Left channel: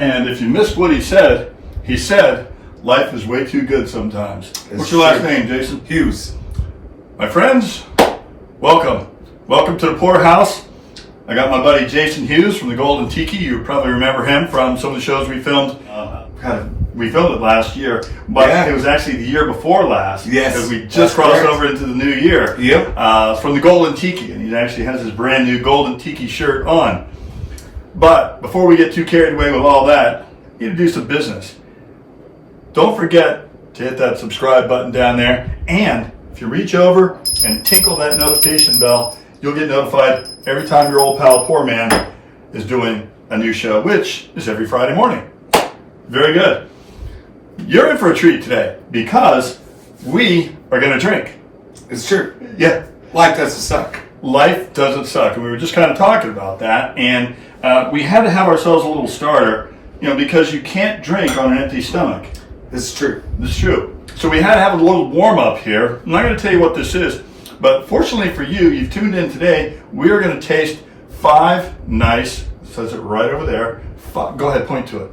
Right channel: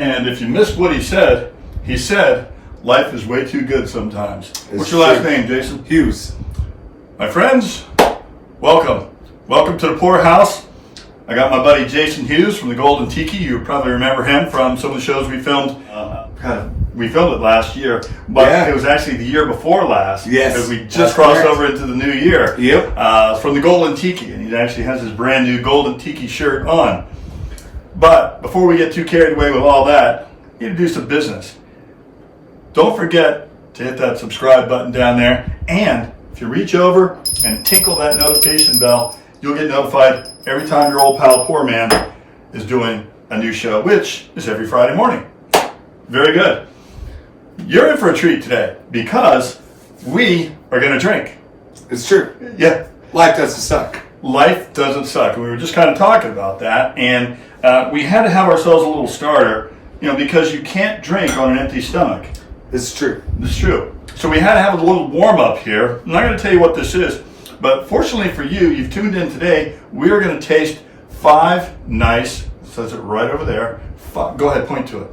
And if you missed what he said, life is way too good sometimes. What's your last name, Jason? Hughes. My friends, welcome. Welcome to the Pour House. I got my buddy Jason Hughes from the Golden Tiki. You probably remember him from some of the shows we filmed. We filmed it last year, but it was actually the year before last. Yes. Because we just crossed over into the new year. Yep. From the Golden Tiki, and he actually has his brand new Golden Tiki shirt on. But before we get too carried away with all that, you need to do some business. Don't forget to hit that subscribe button down there, and if you reach over and tinkle that notification bell, you'll get notified every time your old pal PourMan is doing a new show, which is every Friday morning. Very good. You're in for a treat today because we are going to drink. It's true. Yeah. Life doesn't suck. Life doesn't suck. And we were just kind of talking about that, and we had to have ourselves a little starter, because you can't drink on an empty stomach. This is true. This is true. So we had to have a little warm-up here. I'm not going to tell you what this is, but fortunately for you, you've tuned in today. We are going to taste 5 nice, says it right over there. Go ahead, point to it.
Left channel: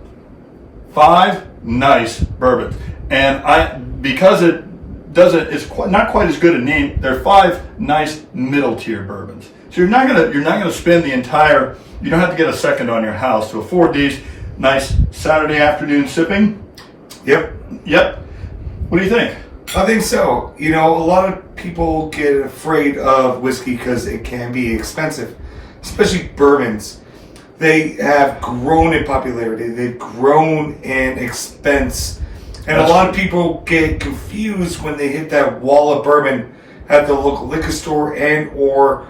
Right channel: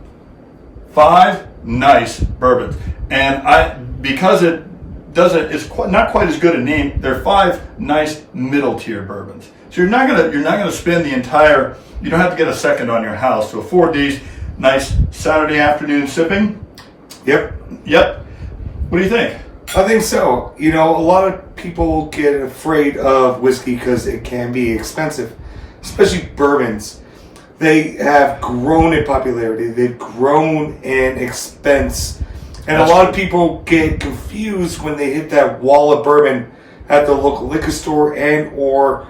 5 nice bourbons. And because it's not quite as good a name, they're 5 nice middle-tier bourbons. So you're not gonna spend the entire, you don't have to get a second on your house to afford these nice Saturday afternoon sipping. Yep. What do you think? I think so. A lot of people get afraid of whiskey because it can be expensive, especially bourbons. They have grown in popularity. They've grown in expense. And a lot of people get confused when they hit that wall of bourbon at the local liquor store and or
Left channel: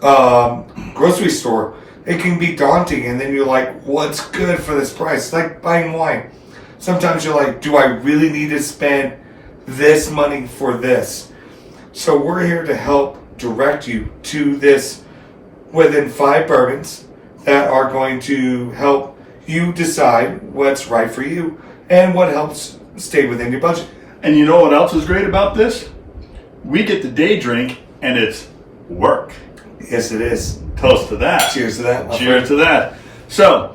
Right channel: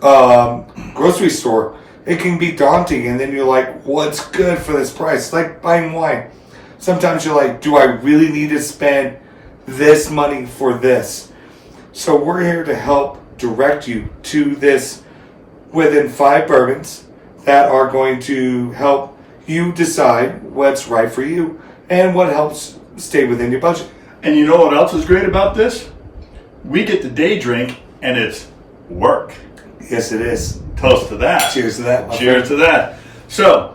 grocery store. It can be daunting, and then you're like, what's good for this price? It's like buying wine. Sometimes you're like, do I really need to spend this money for this? So we're here to help direct you to this within 5 bourbons that are going to help you decide what's right for you and what helps stay within your budget. And you know what else is great about this? We get the day drink, and it's work. Yes, it is. Toast to that. Cheers to that. Cheers to that. So,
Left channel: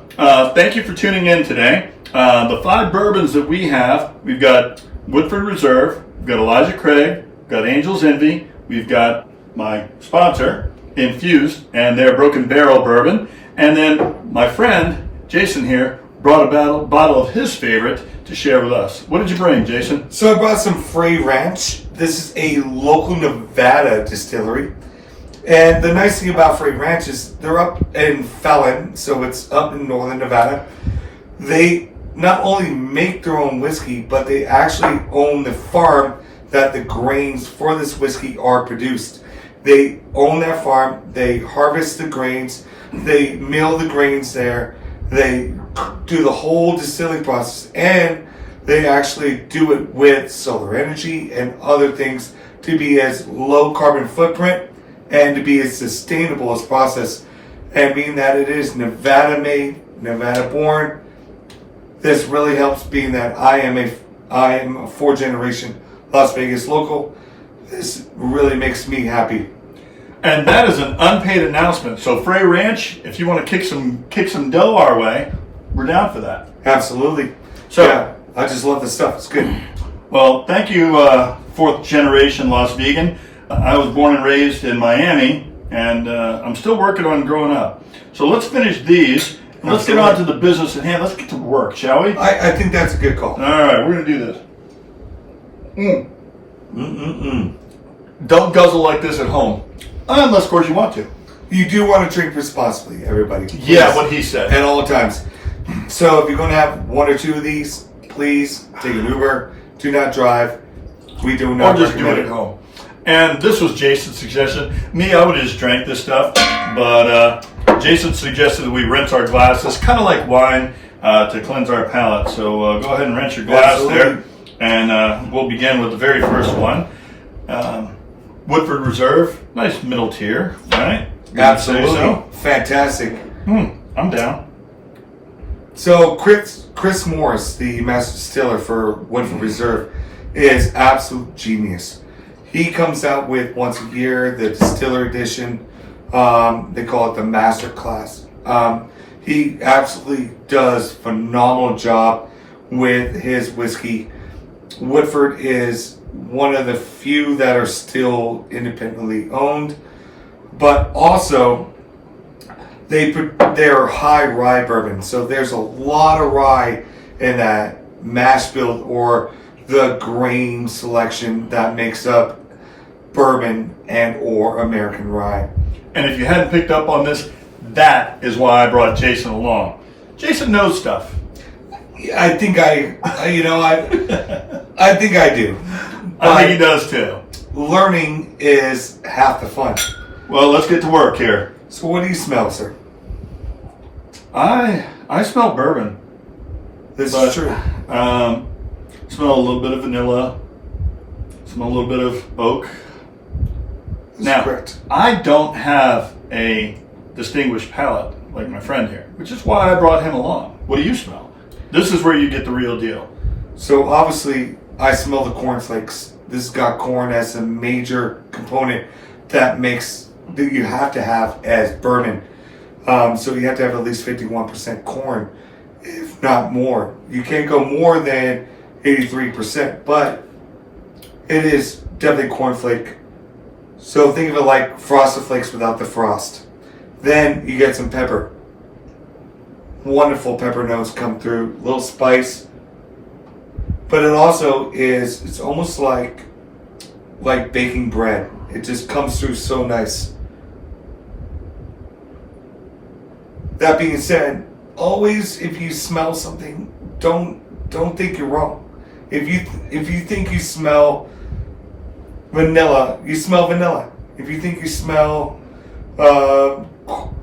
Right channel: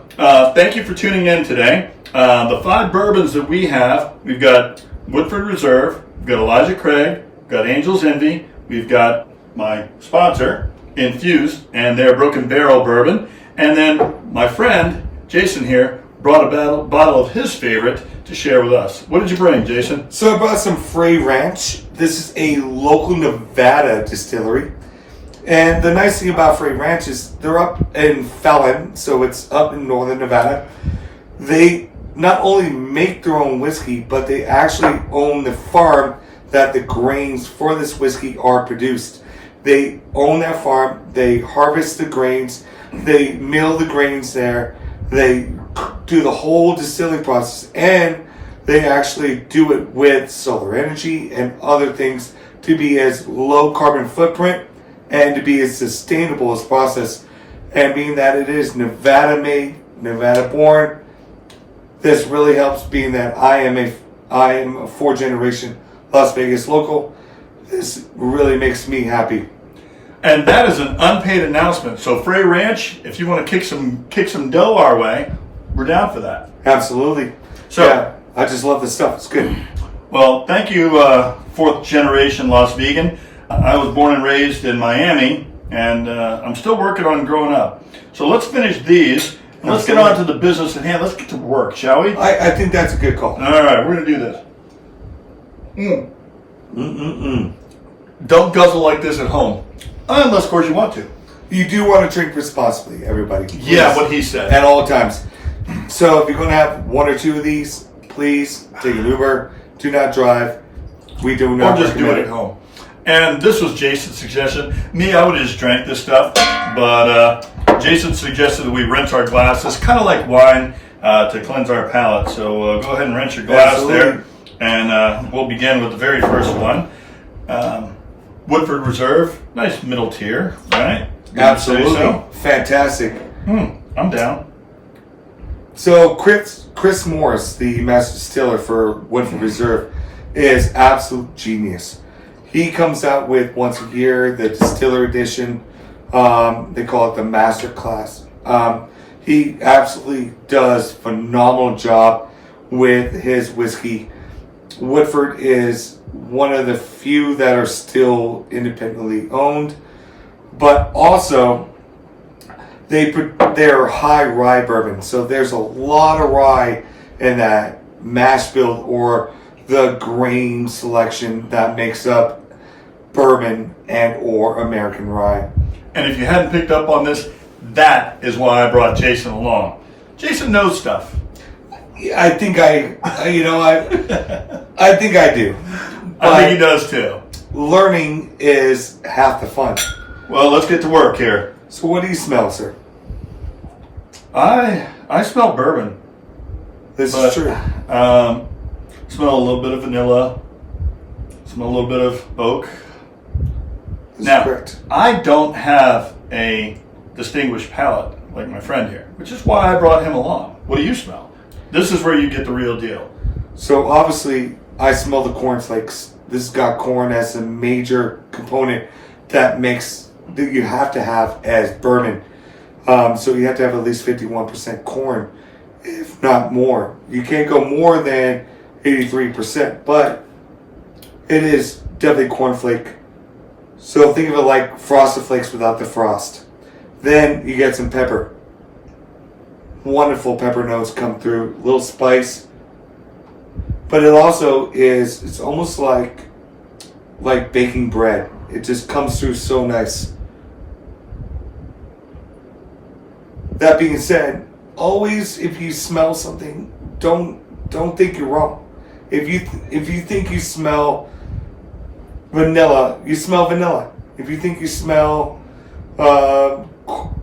thank you for tuning in today. The 5 bourbons that we have, we've got Woodford Reserve, we've got Elijah Craig, we've got Angel's Envy, we've got my sponsor, Infused, and their Broken Barrel Bourbon, and then my friend, Jason here, brought a bottle of his favorite to share with us. What did you bring, Jason? So I brought some Frey Ranch. This is a local Nevada distillery. And the nice thing about Frey Ranch is they're up in Fallon, so it's up in northern Nevada. They not only make their own whiskey, but they actually own the farm that the grains for this whiskey are produced. They own that farm, they harvest the grains, they mill the grains there, they do the whole distilling process, and they actually do it with solar energy and other things to be as low carbon footprint and to be as sustainable as process. And being that it is Nevada made, Nevada born, this really helps, being that I am a 4th generation Las Vegas local. This really makes me happy. And that is an unpaid announcement. So Frey Ranch, if you want to kick some dough our way, we're down for that. Absolutely. So yeah, I just love this stuff. It's good. Well, thank you, 4th generation Las Vegan. I was born and raised in Miami, and I'm still working on growing up. So let's finish these. And let's get on to the business at hand. Let's get to work, shall we? I think that's a good call. All right, we're going to do this. Don't guzzle like this at home. Unless, of course, you want to. You do want to drink responsibly, everybody. Please. Yeah, what he said. At all times. So if you're going to have 1 or 2 of these, please take an Uber. Do not drive. We do not Or just do it recommend at home. And this was Jason's suggestion. Me, I would have just drank this stuff. But Jason suggested that we rinse our glasses, kind of like wine, to cleanse our palate. So go ahead and rinse your glass there. And we'll begin with the very first one. Woodford Reserve, nice middle tier, right? Absolutely. So? Fantastic. I'm down. So Chris Morris, the master distiller for Woodford Reserve, is absolute genius. He comes out with once a year the distiller edition. They call it the master class. He absolutely does phenomenal job with his whiskey. Woodford is one of the few that are still independently owned, but also they're high rye bourbon. So there's a lot of rye in that mash bill or the grain selection that makes up bourbon and or American rye. And if you hadn't picked up on this, that is why I brought Jason along. Jason knows stuff. I think I think I do. I think he does too. Learning is half the fun. Well, let's get to work here. So what do you smell, sir? I smell bourbon. This is true. Smell a little bit of vanilla. Smell a little bit of oak. Now, correct. I don't have a distinguished palate like my friend here, which is why I brought him along. What do you smell? This is where you get the real deal. So obviously, I smell the cornflakes. This has got corn as a major component that you have to have as bourbon. So you have to have at least 51% corn, if not more. You can't go more than 83%, but it is definitely cornflake. So think of it like Frosted Flakes without the frost. Then you get some pepper. Wonderful pepper notes come through, little spice. But it also it's almost like baking bread. It just comes through so nice. That being said, always if you smell something, don't think you're wrong. If you think you smell vanilla, you smell vanilla. If you think you smell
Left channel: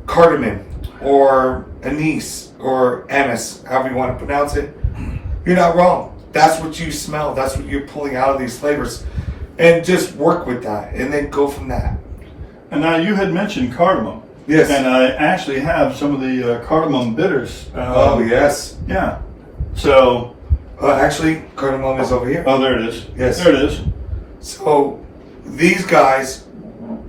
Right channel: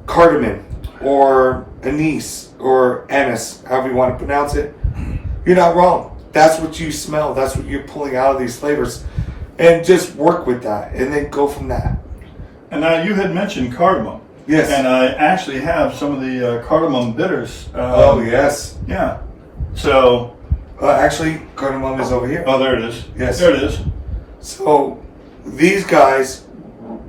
cardamom or anise or anise, however you want to pronounce it, you're not wrong. That's what you smell. That's what you're pulling out of these flavors. And just work with that and then go from that. And now you had mentioned cardamom. Yes. And I actually have some of the cardamom bitters. Oh, yes. Yeah. So. Actually, cardamom is over here. Oh, there it is. Yes. There it is. So these guys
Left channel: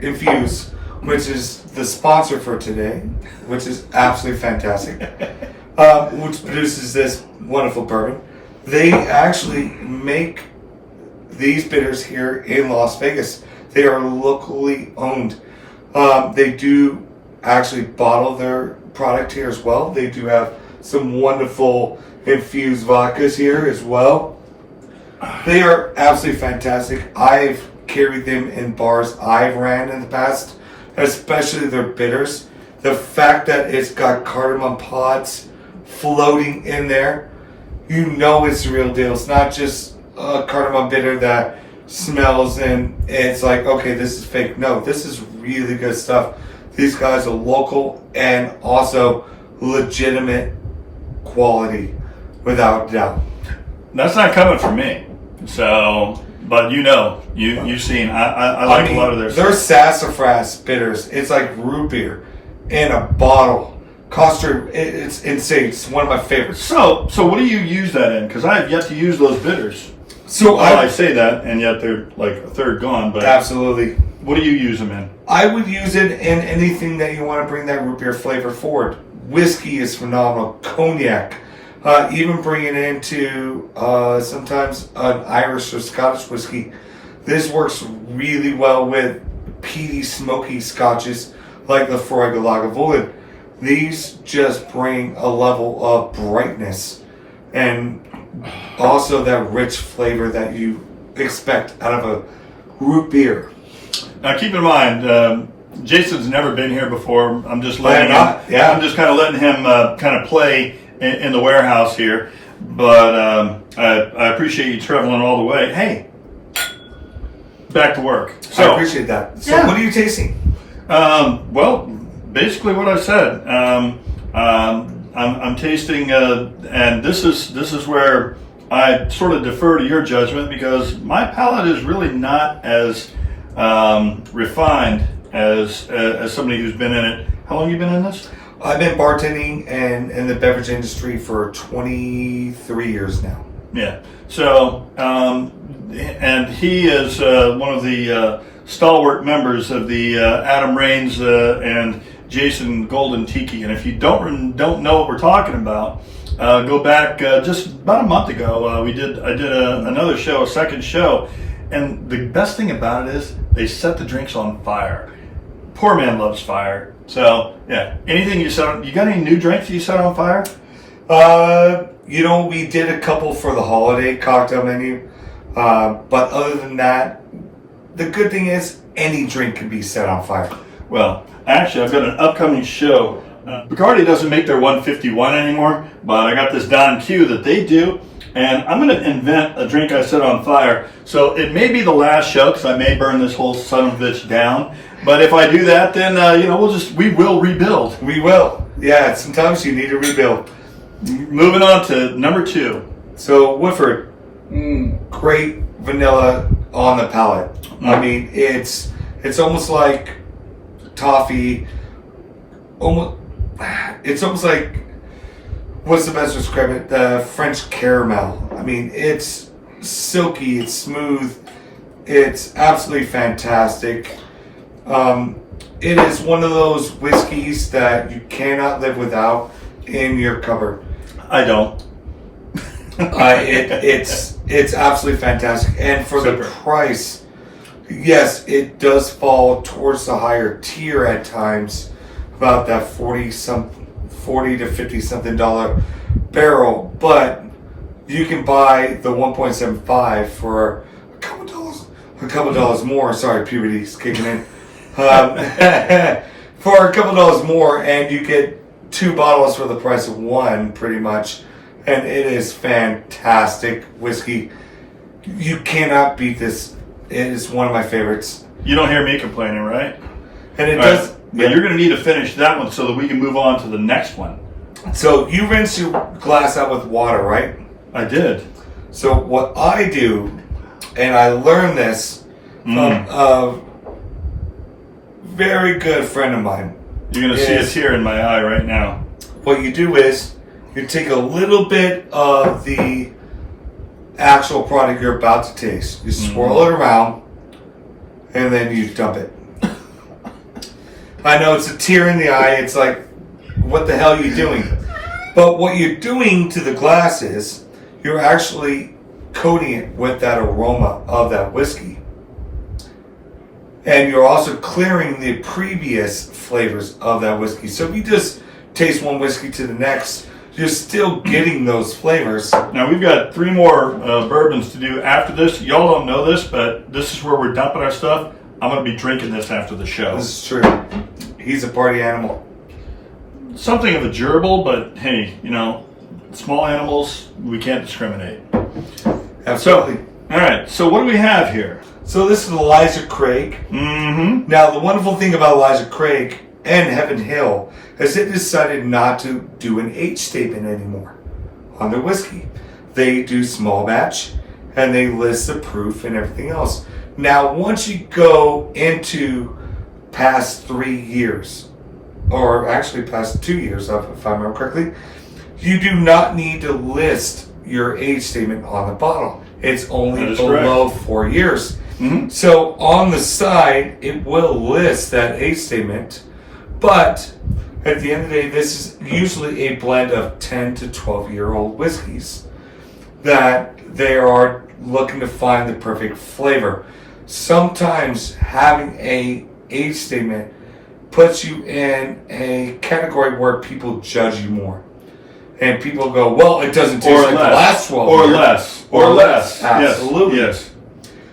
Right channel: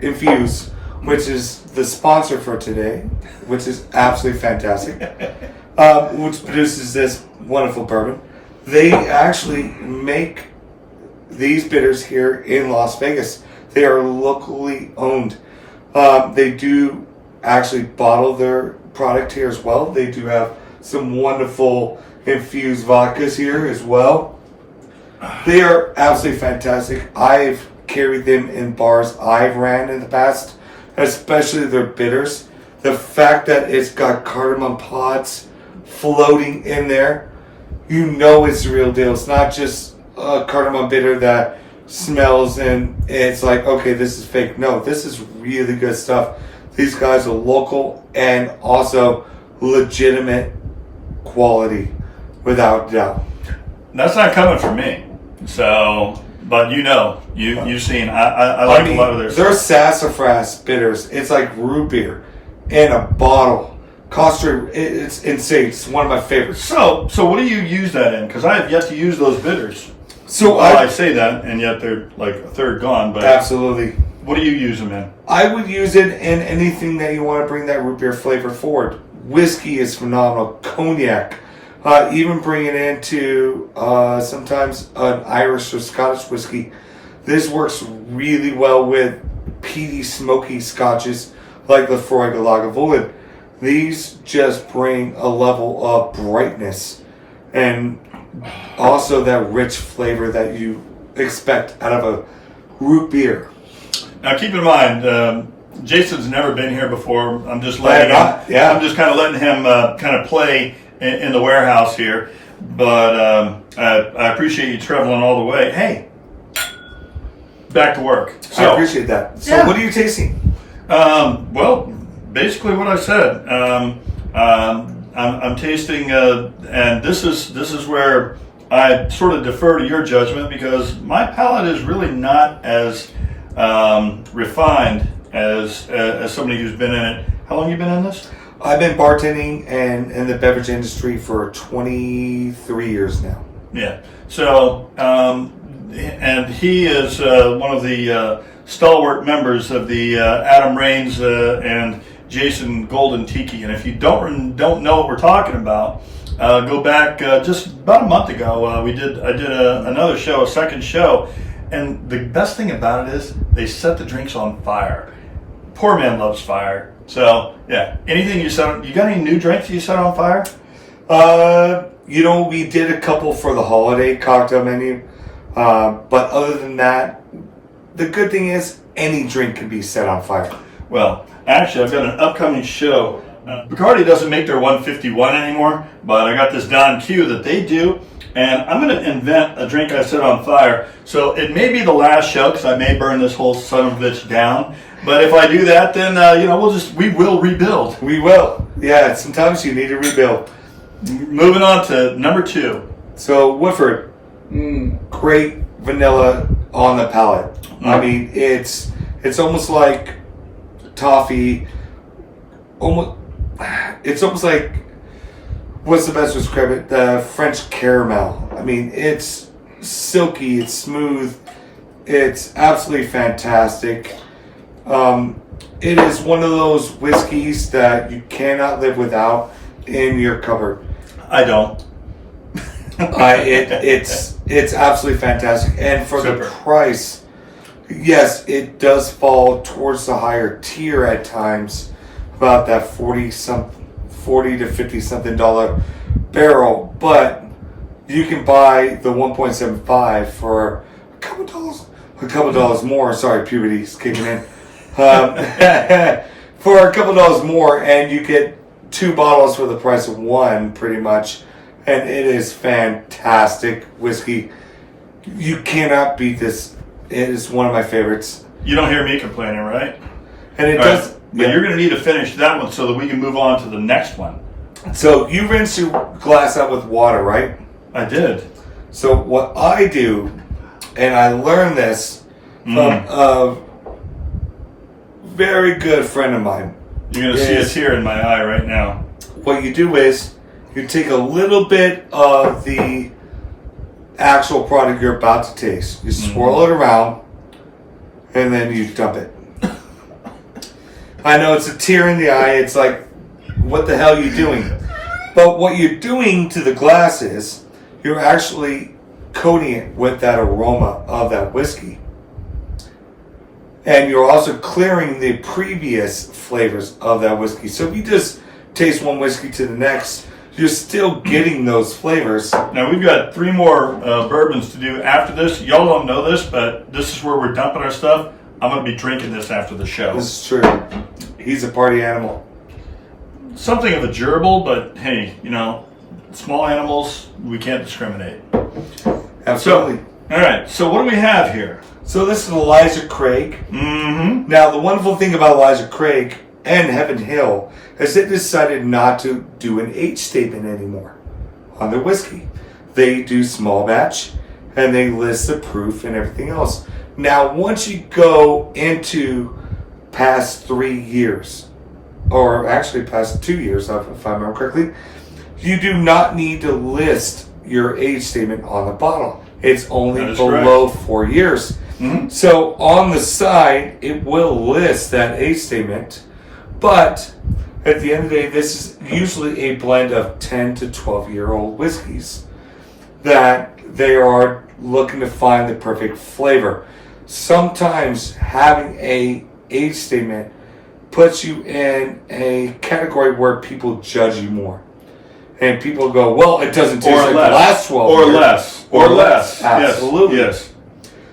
infuse, which is the sponsor for today, which is absolutely fantastic, which produces this wonderful bourbon. They actually make these bitters here in Las Vegas. They are locally owned. They do actually bottle their product here as well. They do have some wonderful infused vodkas here as well. They are absolutely fantastic. I've carried them in bars I've ran in the past, especially their bitters. The fact that it's got cardamom pods floating in there, you know it's the real deal. It's not just a cardamom bitter that smells and it's like, okay, this is fake. No, this is really good stuff. These guys are local and also legitimate quality, without doubt. That's not coming from me. So, but you've seen. I like a lot of their. Their sassafras bitters. It's like root beer in a bottle. It's insane. It's one of my favorites. So what do you use that in? Because I have yet to use those bitters. So I say that, and yet they're like a third gone. But absolutely. What do you use them in? I would use it in anything that you want to bring that root beer flavor forward. Whiskey is phenomenal. Cognac. Even bring it into sometimes an Irish or Scottish whiskey. This works really well with peaty, smoky scotches like the Lafroig Lagavulin. These just bring a level of brightness and also that rich flavor that you expect out of a root beer. Now, keep in mind, Jason's never been here before. I'm just letting I'm just kind of letting him kind of play in the warehouse here. But I appreciate you traveling all the way. Hey, back to work. So, I appreciate that. So, yeah. What are you tasting? Well, basically what I said. I'm tasting, and this is where I sort of defer to your judgment because my palate is really not as refined as somebody who's been in it. How long have you been in this? I've been bartending and in the beverage industry for 23 years now. Yeah. So, and he is one of the stalwart members of the Adam Raines and Jason Golden Tiki. And if you don't know what we're talking about, go back just about a month ago. I did another show, a second show, and the best thing about it is they set the drinks on fire. PourMan loves fire. So yeah, anything you set, you got any new drinks you set on fire? We did a couple for the holiday cocktail menu, but other than that, the good thing is any drink can be set on fire. Well, actually, I've got an upcoming show. Bacardi doesn't make their 151 anymore, but I got this Don Q that they do, and I'm going to invent a drink I set on fire. So it may be the last show because I may burn this whole son of a bitch down. But if I do that, then we will rebuild. We will. Yeah, sometimes you need to rebuild. Moving on to number 2. So Woodford, great vanilla on the palate. I mean, it's almost like toffee. It's almost like, what's the best to describe it? The French caramel. I mean, it's silky, it's smooth, it's absolutely fantastic. It is one of those whiskeys that you cannot live without in your cupboard. I don't. It's absolutely fantastic, and for the price, yes, it does fall towards the higher tier at times, about that $40 to $50 something barrel. But you can buy the 1.75 for a couple dollars more. Sorry, puberty's kicking in. For a couple dollars more, and you get 2 bottles for the price of 1, pretty much. And it is fantastic whiskey. You cannot beat this. It is one of my favorites. You don't hear me complaining, right? And it All does. right. But you're going to need to finish that one so that we can move on to the next one. So you rinse your glass out with water, right? I did. So what I do, and I learned this from a very good friend of mine. You're going to see a tear in my eye right now. What you do is you take a little bit of the actual product you're about to taste. You swirl it around, and then you dump it. I know it's a tear in the eye. It's like, what the hell are you doing? But what you're doing to the glass is you're actually coating it with that aroma of that whiskey. And you're also clearing the previous flavors of that whiskey. So if you just taste one whiskey to the next, you're still getting those flavors. Now we've got 3 more bourbons to do after this. Y'all don't know this, but this is where we're dumping our stuff. I'm going to be drinking this after the show. This is true. He's a party animal. Something of a gerbil, but hey, small animals, we can't discriminate. Absolutely. All right, so what do we have here? So this is Elijah Craig. Mm-hmm. Now, the wonderful thing about Elijah Craig and Heaven Hill is they decided not to do an age statement anymore on their whiskey. They do small batch, and they list the proof and everything else. Now, once you go into past 3 years, or actually past 2 years, if I remember correctly, you do not need to list your age statement on the bottle. It's only below 4 years. Mm-hmm. So on the side, it will list that age statement, but at the end of the day, this is usually a blend of 10 to 12-year-old whiskeys that they are looking to find the perfect flavor. Sometimes having a age statement puts you in a category where people judge you more. And people go, well, it doesn't taste like the last 12 years. Or less. Absolutely. Yes.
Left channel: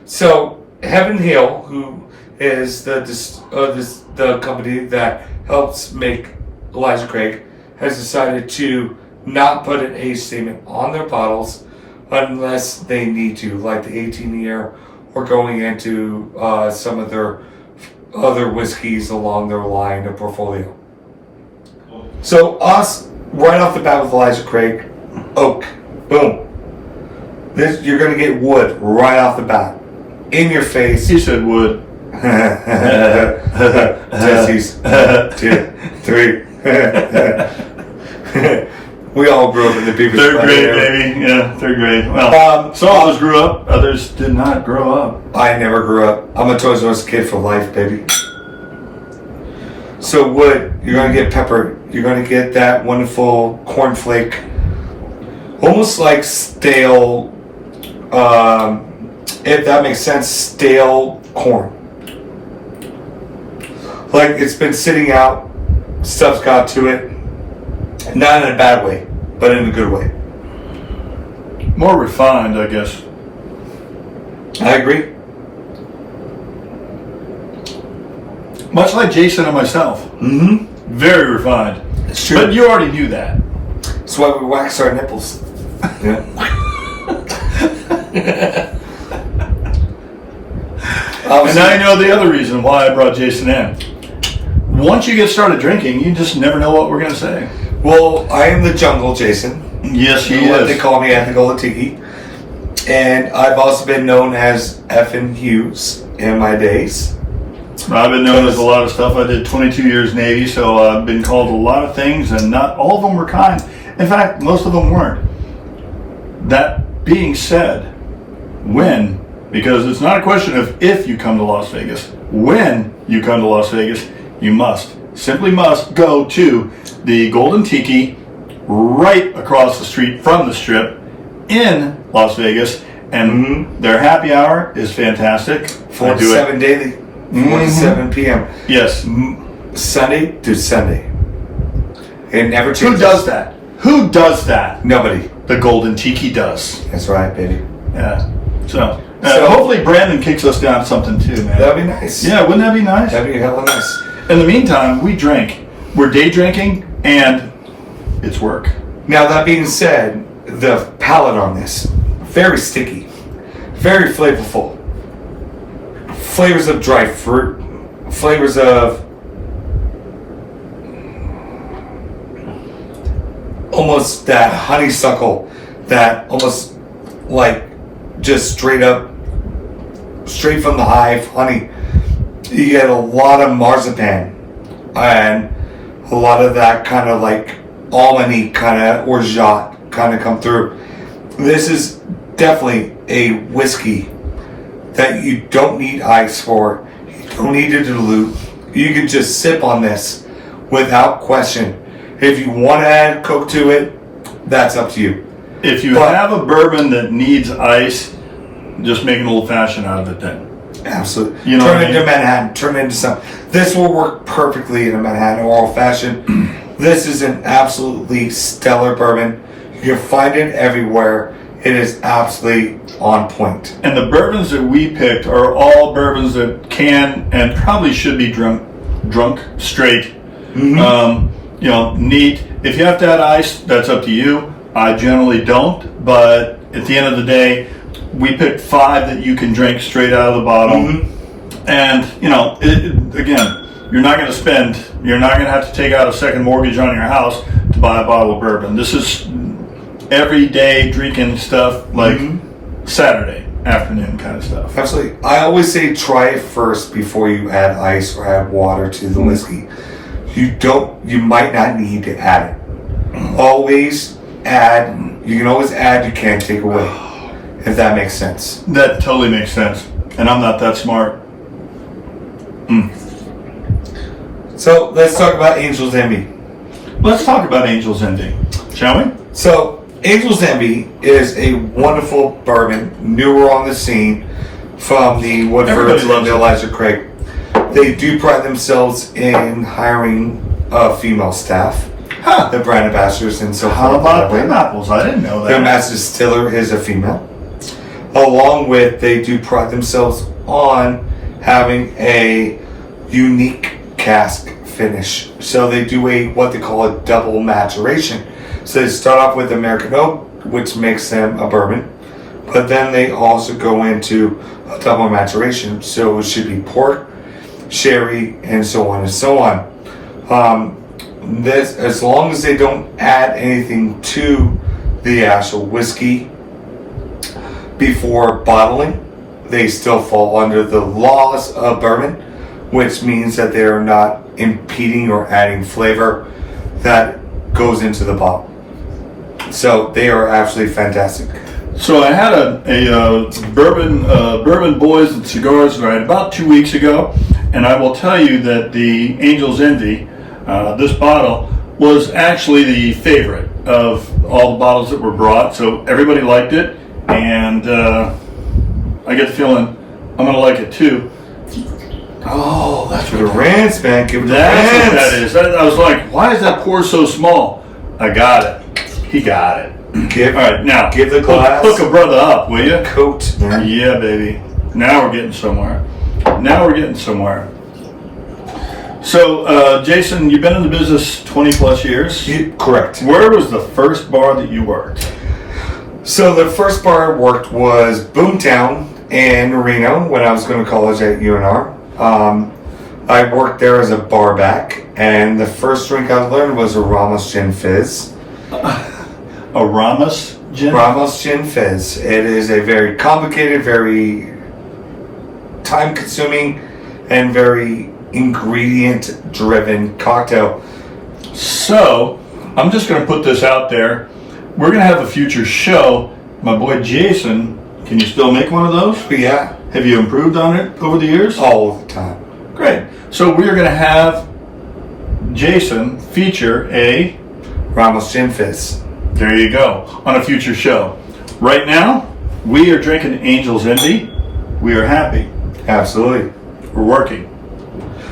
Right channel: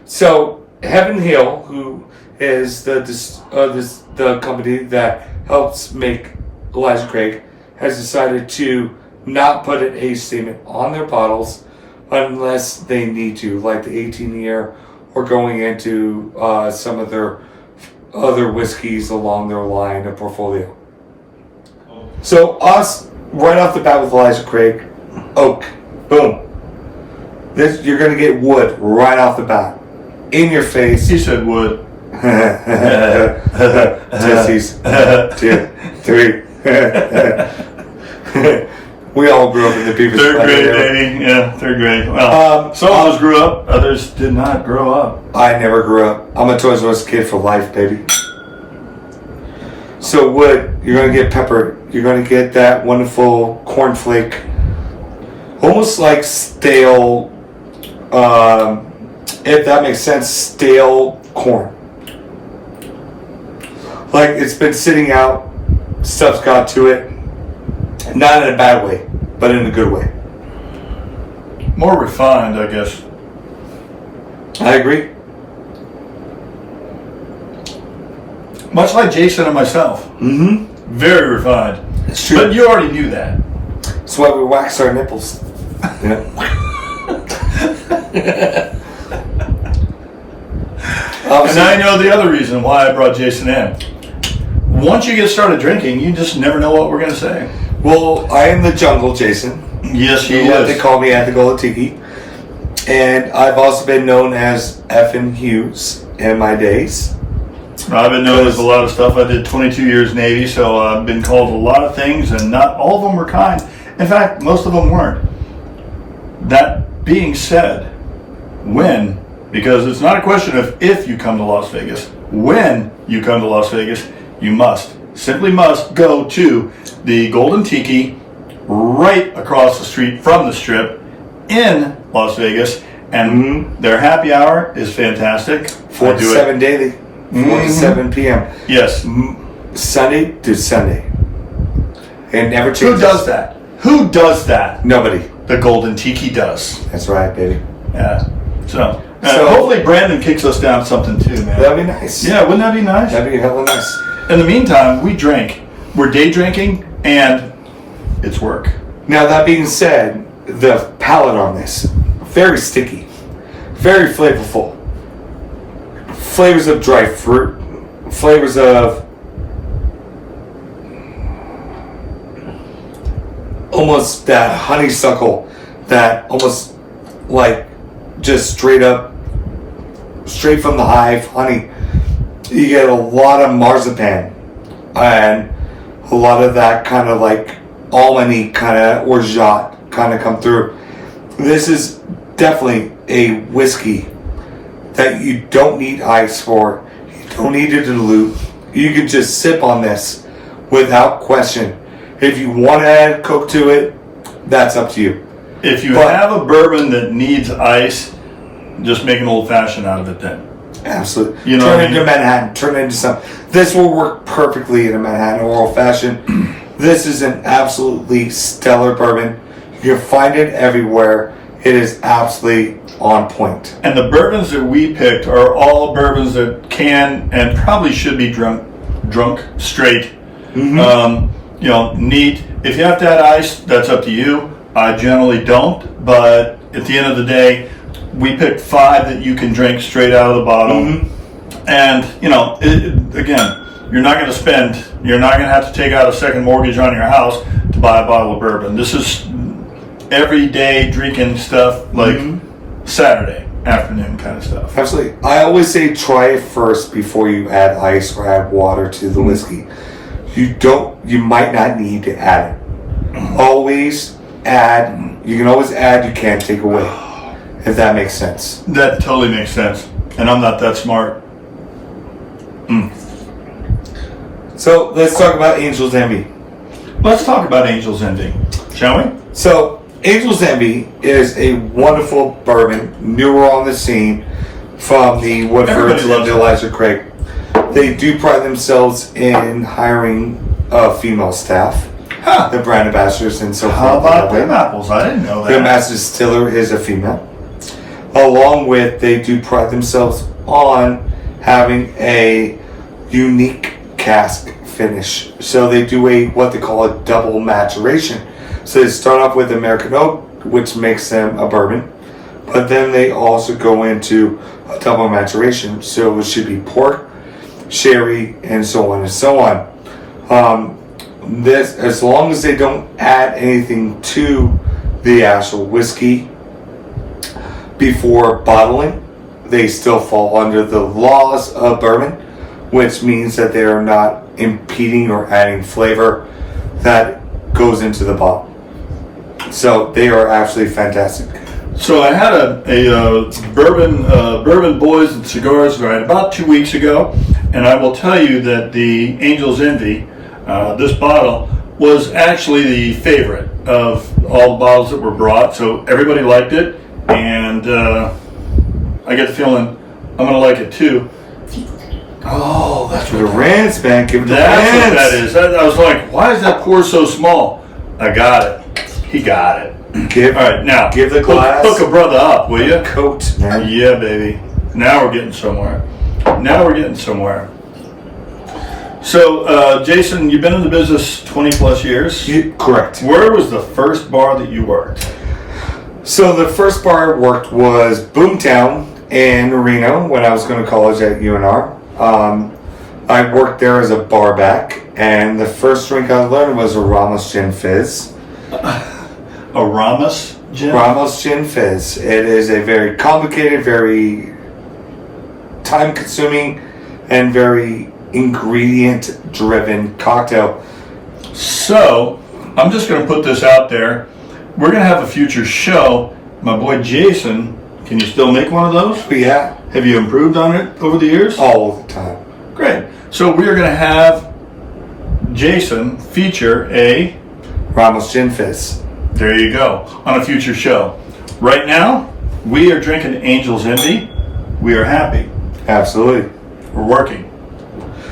So Heaven Hill, who is the company that helps make Elijah Craig, has decided to not put an age statement on their bottles unless they need to, like the 18-year or going into some of their other whiskeys along their line of portfolio. So us, right off the bat with Elijah Craig, oak, boom. This, you're going to get wood right off the bat. In your face. He said wood. Sissies. 2, 3. We all grew up in the Beavis. 3rd grade, baby. Yeah, 3rd grade. Well, some of us grew up, others did not grow up. I never grew up. I'm a Toys R Us kid for life, baby. So wood, you're going to get pepper. You're going to get that wonderful cornflake, almost like stale, if that makes sense, stale corn. Like it's been sitting out, stuff's got to it. Not in a bad way, but in a good way. More refined, I guess. I agree. Much like Jason and myself. Mm-hmm. Very refined. It's true. But you already knew that. That's why we wax our nipples. Yeah. And now you know the other reason why I brought Jason in. Once you get started drinking, you just never know what we're going to say. Well, I am the jungle Jason. Yes, he What is. they call me at the Golden Tiki. And I've also been known as Effin' Hughes in my days. I've been known as a lot of stuff. I did 22 years Navy, so I've been called a lot of things, and not all of them were kind. In fact, most of them weren't. That being said, when, because it's not a question of if you come to Las Vegas, when you come to Las Vegas, you simply must go to the Golden Tiki right across the street from the Strip in Las Vegas, and their happy hour is fantastic. 4 to 7 daily. 4 to 7 p.m. Yes. Sunday to Sunday. It never changes. Who does that? Who does that? Nobody. The Golden Tiki does. That's right, baby. Yeah. So hopefully Brandon kicks us down something too, man. That'd be nice. Yeah, wouldn't that be nice? That'd be hella nice. In the meantime, we drink. We're day drinking, and it's work. Now, that being said, the palate on this, very sticky, very flavorful. Flavors of dry fruit, flavors of almost that honeysuckle, that almost like just straight from the hive honey. You get a lot of marzipan and a lot of that kind of like almond-y kind of orgeat kind of come through. This is definitely a whiskey that you don't need ice for. You don't need to dilute. You can just sip on this without question. If you want to add Coke to it, that's up to you. If you have a bourbon that needs ice, just make an old fashioned out of it then. Absolutely. You know turn what I it into mean? Manhattan. Turn it into something. This will work perfectly in a Manhattan or old fashioned. This is an absolutely stellar bourbon. You can find it everywhere. It is absolutely on point. And the bourbons that we picked are all bourbons that can and probably should be drunk straight. Neat. If you have to add ice, that's up to you. I generally don't, but at the end of the day, we picked 5 that you can drink straight out of the bottle. And, again, you're not going to have to take out a second mortgage on your house to buy a bottle of bourbon. This is everyday drinking stuff, like Saturday afternoon kind of stuff. Absolutely. I always say try it first before you add ice or add water to the whiskey. You might not need to add it. Always add. You can always add, you can't take away. If that makes sense. That totally makes sense. And I'm not that smart. So let's talk about Angel's Envy. Let's talk about Angel's Envy, shall we? So Angel's Envy is a wonderful bourbon, newer on the scene, from the Woodfords and Elijah Craig. They do pride themselves in hiring female staff, the brand ambassadors and so forth. How about them apples? I didn't know that. Their master distiller is a female. Along with, they do pride themselves on having a unique cask finish. So they do what they call a double maturation. So they start off with American oak, which makes them a bourbon, but then they also go into a double maturation. So it should be port, sherry, and so on and so on. This, as long as they don't add anything to the actual whiskey before bottling, they still fall under the laws of bourbon, which means that they are not impeding or adding flavor that goes into the bottle. So they are absolutely fantastic. So I had a bourbon boys and cigars right about 2 weeks ago, And I will tell you that the Angel's Envy, this bottle, was actually the favorite of all the bottles that were brought. So everybody liked it, and I get the feeling I'm going to like it too. Oh, that's The rants, man. Give it the That's rants. what that is. I was like, why is that pour so small? I got it. He got it. Give, All right, now give the glass. hook a brother up, will you? Coat, man. Yeah, baby. Now we're getting somewhere. Now we're getting somewhere. So, Jason, you've been in the business 20 plus years. Correct. Where was the first bar that you worked? So the first bar I worked was Boomtown in Reno when I was going to college at UNR. I worked there as a bar back, and the first drink I learned was a Ramos Gin Fizz. A Ramos gin? Ramos Gin Fizz. It is a very complicated, very time-consuming, and very ingredient-driven cocktail. So, I'm just going to put this out there. We're going to have a future show. My boy Jason, can you still make one of those? Yeah, Have you improved on it over the years? all the time. Great. So we are going to have Jason feature a, Ramos Gin Fizz. there you go, on a future show. Right now, we are drinking Angel's Envy. We are happy. Absolutely. We're working.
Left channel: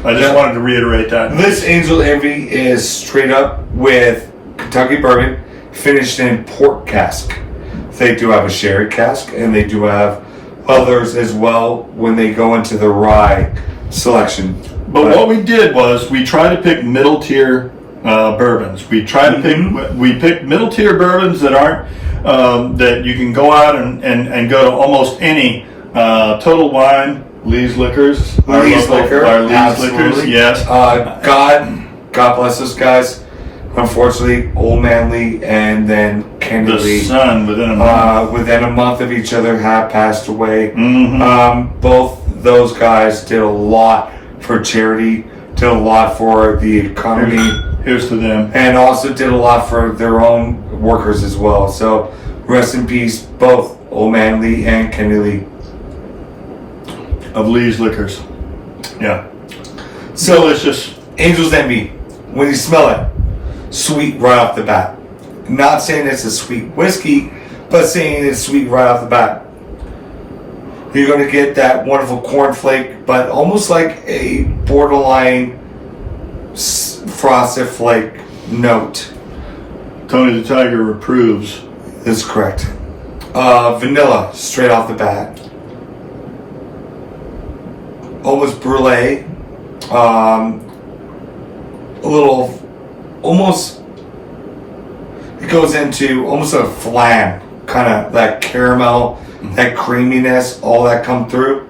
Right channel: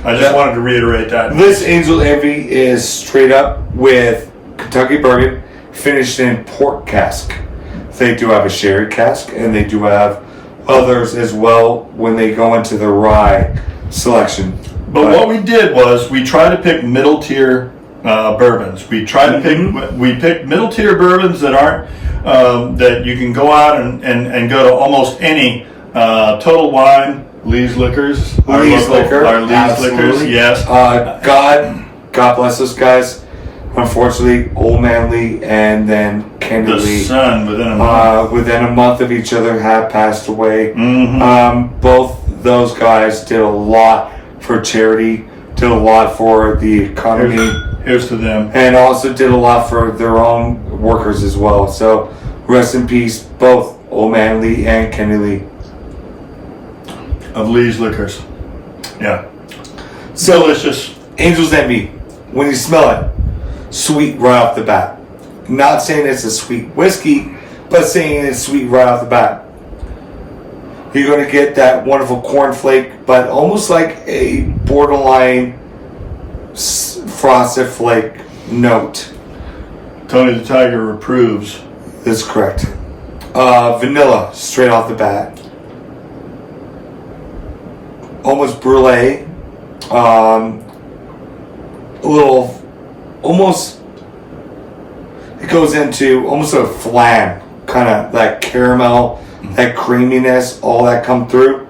I just wanted to reiterate that. This Angel Envy is straight up with Kentucky bourbon, finished in port cask. They do have a sherry cask, and they do have others as well when they go into the rye selection. But what we did was we tried to pick middle tier bourbons. We tried to pick middle tier bourbons that aren't that you can go out and go to almost any Total Wine, Lee's Liquors, our Lee's local- Liquor, our Lee's absolutely. Liquors, yes. God bless those guys. Unfortunately, Old Man Lee and then Kenny The Lee, sun within a month. within a month of each other, have passed away. Mhm. Both those guys did a lot for charity, did a lot for the economy, Here's to them. and also did a lot for their own workers as well. So, rest in peace, both Old Man Lee and Kenny Lee. Of Lee's Liquors. Yeah. So, Delicious. Angel's Envy, when you smell it, sweet right off the bat. Not saying it's a sweet whiskey, but saying it's sweet right off the bat. You're going to get that wonderful cornflake, but almost like a borderline frosted flake note. Tony the Tiger approves. That's correct. Vanilla, straight off the bat. Almost brulee. A little, almost, it goes into almost a flan, kind of that caramel, that creaminess, all that come through.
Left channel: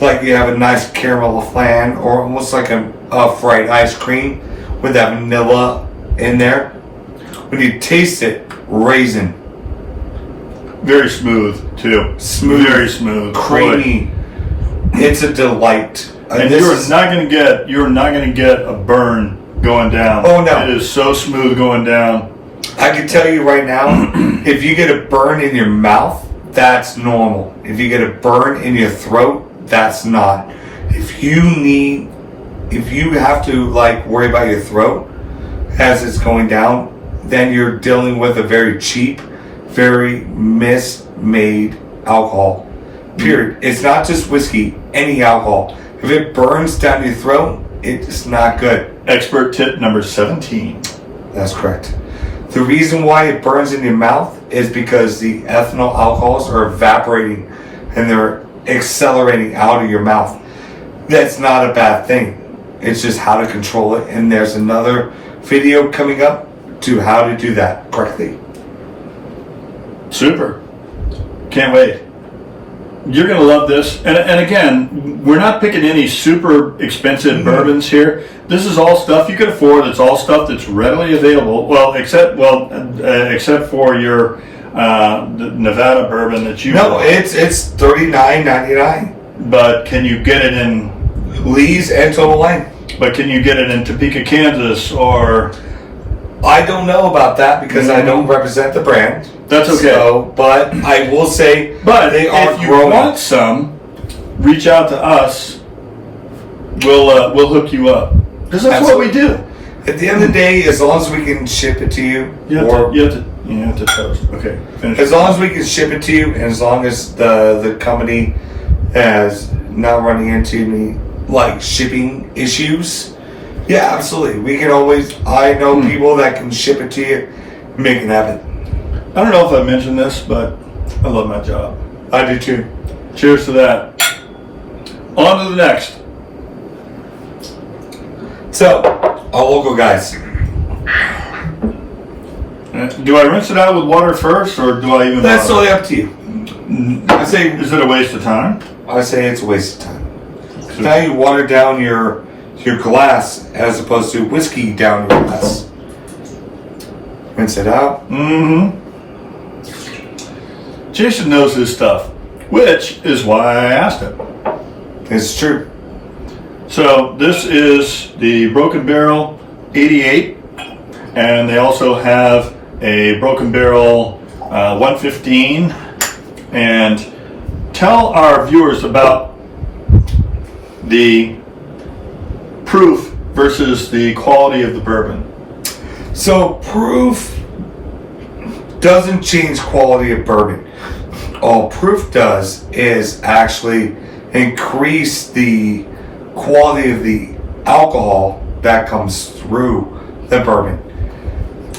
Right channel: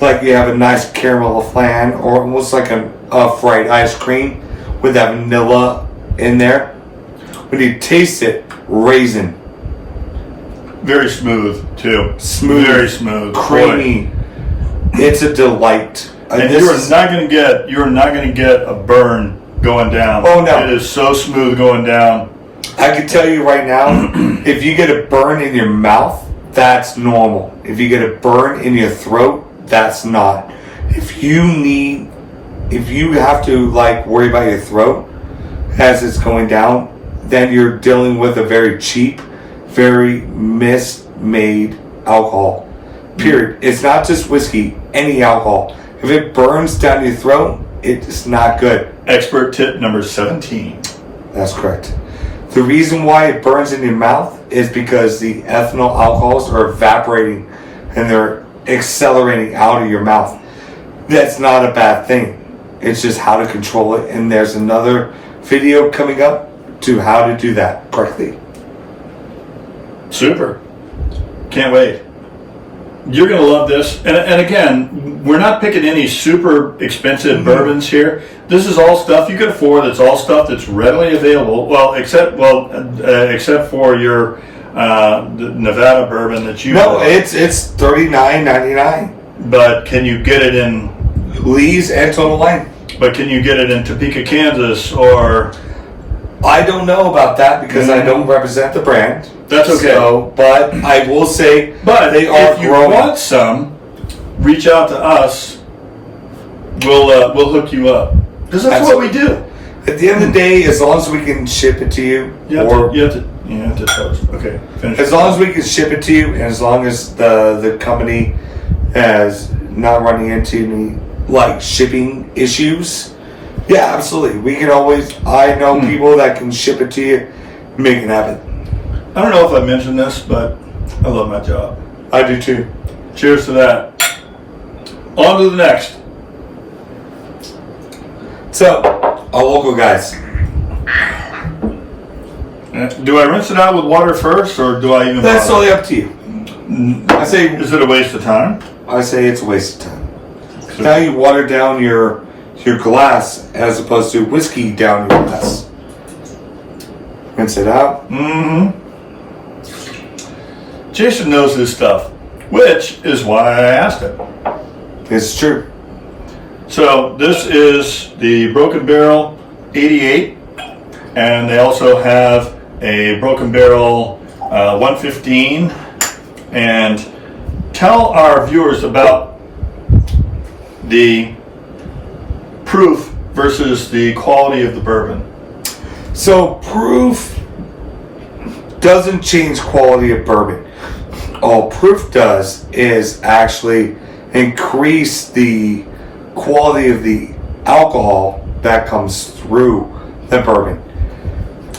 Like you have a nice caramel flan, or almost like a fried ice cream with that vanilla in there. When you taste it, raisin. Very smooth too. Smooth. Very smooth. Creamy. Boy. It's a delight. And this you're is- not going to get a burn going down. Oh, no. It is so smooth going down. I can tell you right now, if you get a burn in your mouth, that's normal. If you get a burn in your throat, that's not. If you have to like worry about your throat as it's going down, then you're dealing with a very cheap, very mismade alcohol. Period. It's not just whiskey, any alcohol. If it burns down your throat, it's not good. Expert tip number 17. That's correct. The reason why it burns in your mouth is because the ethanol alcohols are evaporating and they're accelerating out of your mouth. That's not a bad thing. It's just how to control it. And there's another video coming up to how to do that correctly. Super. Can't wait. You're going to love this. And again, we're not picking any super expensive bourbons here. This is all stuff you can afford. It's all stuff that's readily available. Well, except for your the Nevada bourbon that you No, bought. it's $39.99. But can you get it in Lee's and Total Wine. But can you get it in Topeka, Kansas, or? I don't know about that because I don't represent the brand. That's okay. So, but I will say, But they are if you growing. want some, reach out to us we'll hook you up. Because that's what we do. At the end of the day, as long as we can ship it to you, You have to toast. Okay, finish. as long as we can ship it to you, and as long as the company has not running into any like shipping issues, yeah, absolutely. We can always. I know people that can ship it to you, make it happen. I don't know if I mentioned this, but I love my job. I do too. Cheers to that. On to the next. So, our local guys. Do I rinse it out with water first, or do I even? That's bother? totally up to you. I say. Is it a waste of time? I say it's a waste of time. Now you water down your glass as opposed to whiskey down your glass. Rinse it out. Mm-hmm. Jason knows his stuff, which is why I asked him. It's true. So this is the Broken Barrel 88, and they also have a Broken Barrel 115. And tell our viewers about the proof versus the quality of the bourbon. So proof doesn't change quality of bourbon. All proof does is actually increase the quality of the alcohol that comes through the bourbon.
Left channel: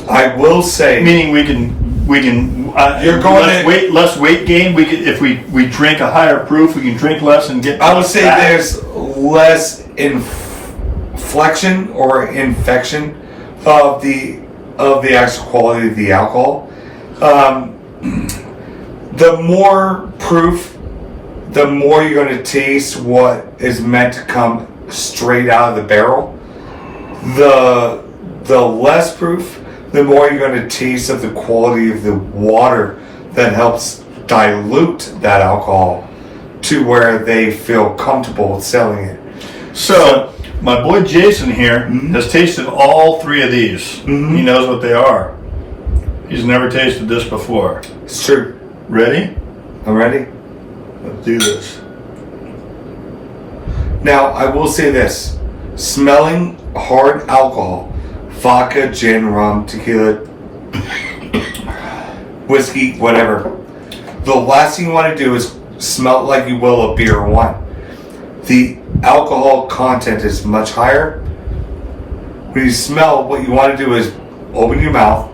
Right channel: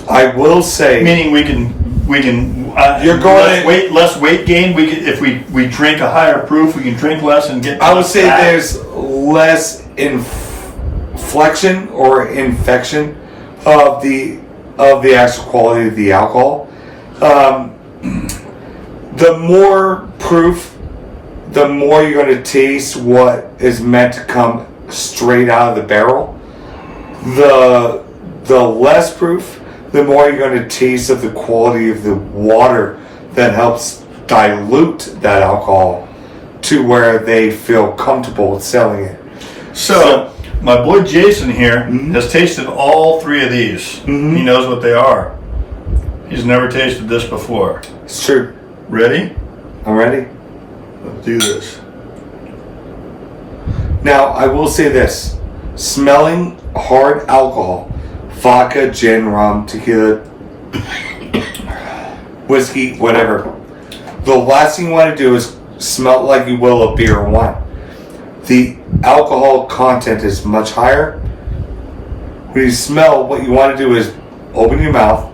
I will say, Meaning we can You're going less weight gain. We can, if we drink a higher proof, we can drink less and get. I would say fat. there's less inflection or infection of the actual quality of the alcohol. The more proof, the more you're going to taste what is meant to come straight out of the barrel. The less proof, the more you're going to taste of the quality of the water that helps dilute that alcohol to where they feel comfortable with selling it. So my boy Jason here has tasted all three of these. He knows what they are. He's never tasted this before. It's true. Ready? I'm ready. Let's do this. Now, I will say this. Smelling hard alcohol, vodka, gin, rum, tequila, whiskey, whatever. The last thing you want to do is smell like you will a beer or wine. The alcohol content is much higher. When you smell, what you want to do is open your mouth,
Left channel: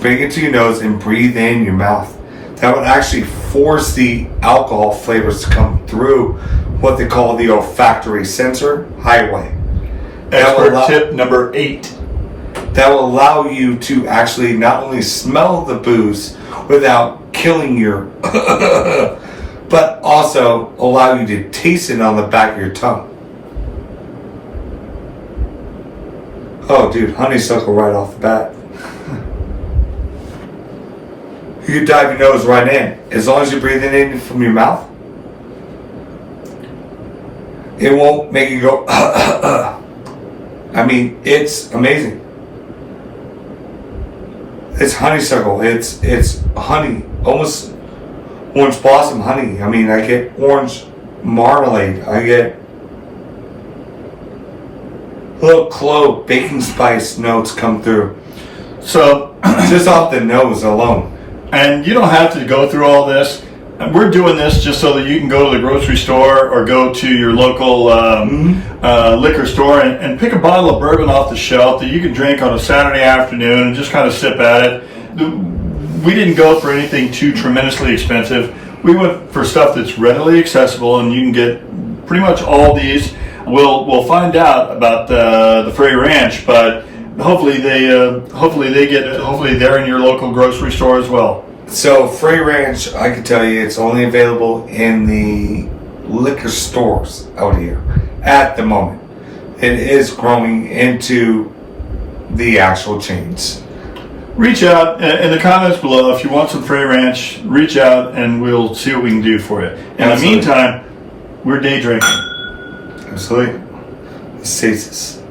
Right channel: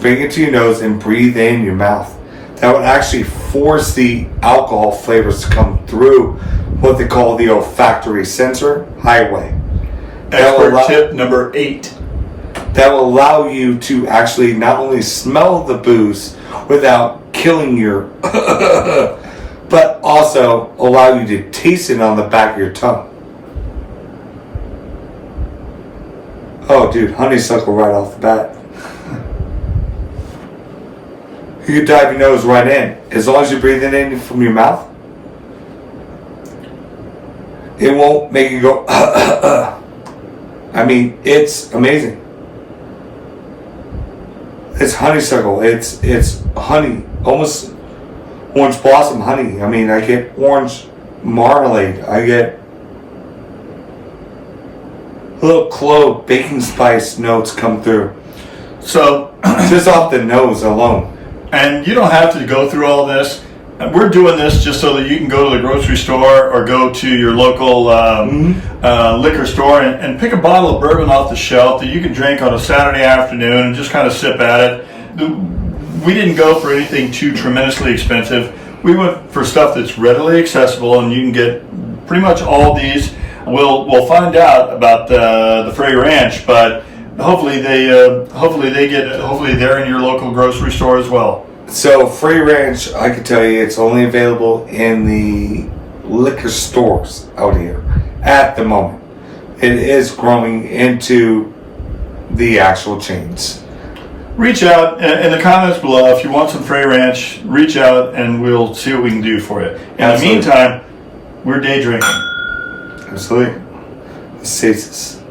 bring it to your nose, and breathe in your mouth. That would actually force the alcohol flavors to come through what they call the olfactory sensor highway. Expert tip number 8. That will allow you to actually not only smell the booze without killing your but also allow you to taste it on the back of your tongue. Oh, dude, honeysuckle right off the bat. You can dive your nose right in. As long as you're breathing in from your mouth, it won't make you go, I mean, it's amazing. It's honeysuckle. It's honey. Almost orange blossom honey. I mean, I get orange marmalade. I get little clove, baking spice notes come through. So just off the nose alone. And you don't have to go through all this. We're doing this just so that you can go to the grocery store or go to your local liquor store and pick a bottle of bourbon off the shelf that you can drink on a Saturday afternoon and just kind of sip at it. We didn't go for anything too tremendously expensive. We went for stuff that's readily accessible, and you can get pretty much all these. We'll find out about the Frey Ranch, but hopefully they're in your local grocery store as well. So Frey Ranch, I can tell you, it's only available in the liquor stores out here at the moment. It is growing into the actual chains. Reach out in the comments below if you want some Frey Ranch. Reach out and we'll see what we can do for you. In the meantime, we're day drinking. Absolutely. It saves us.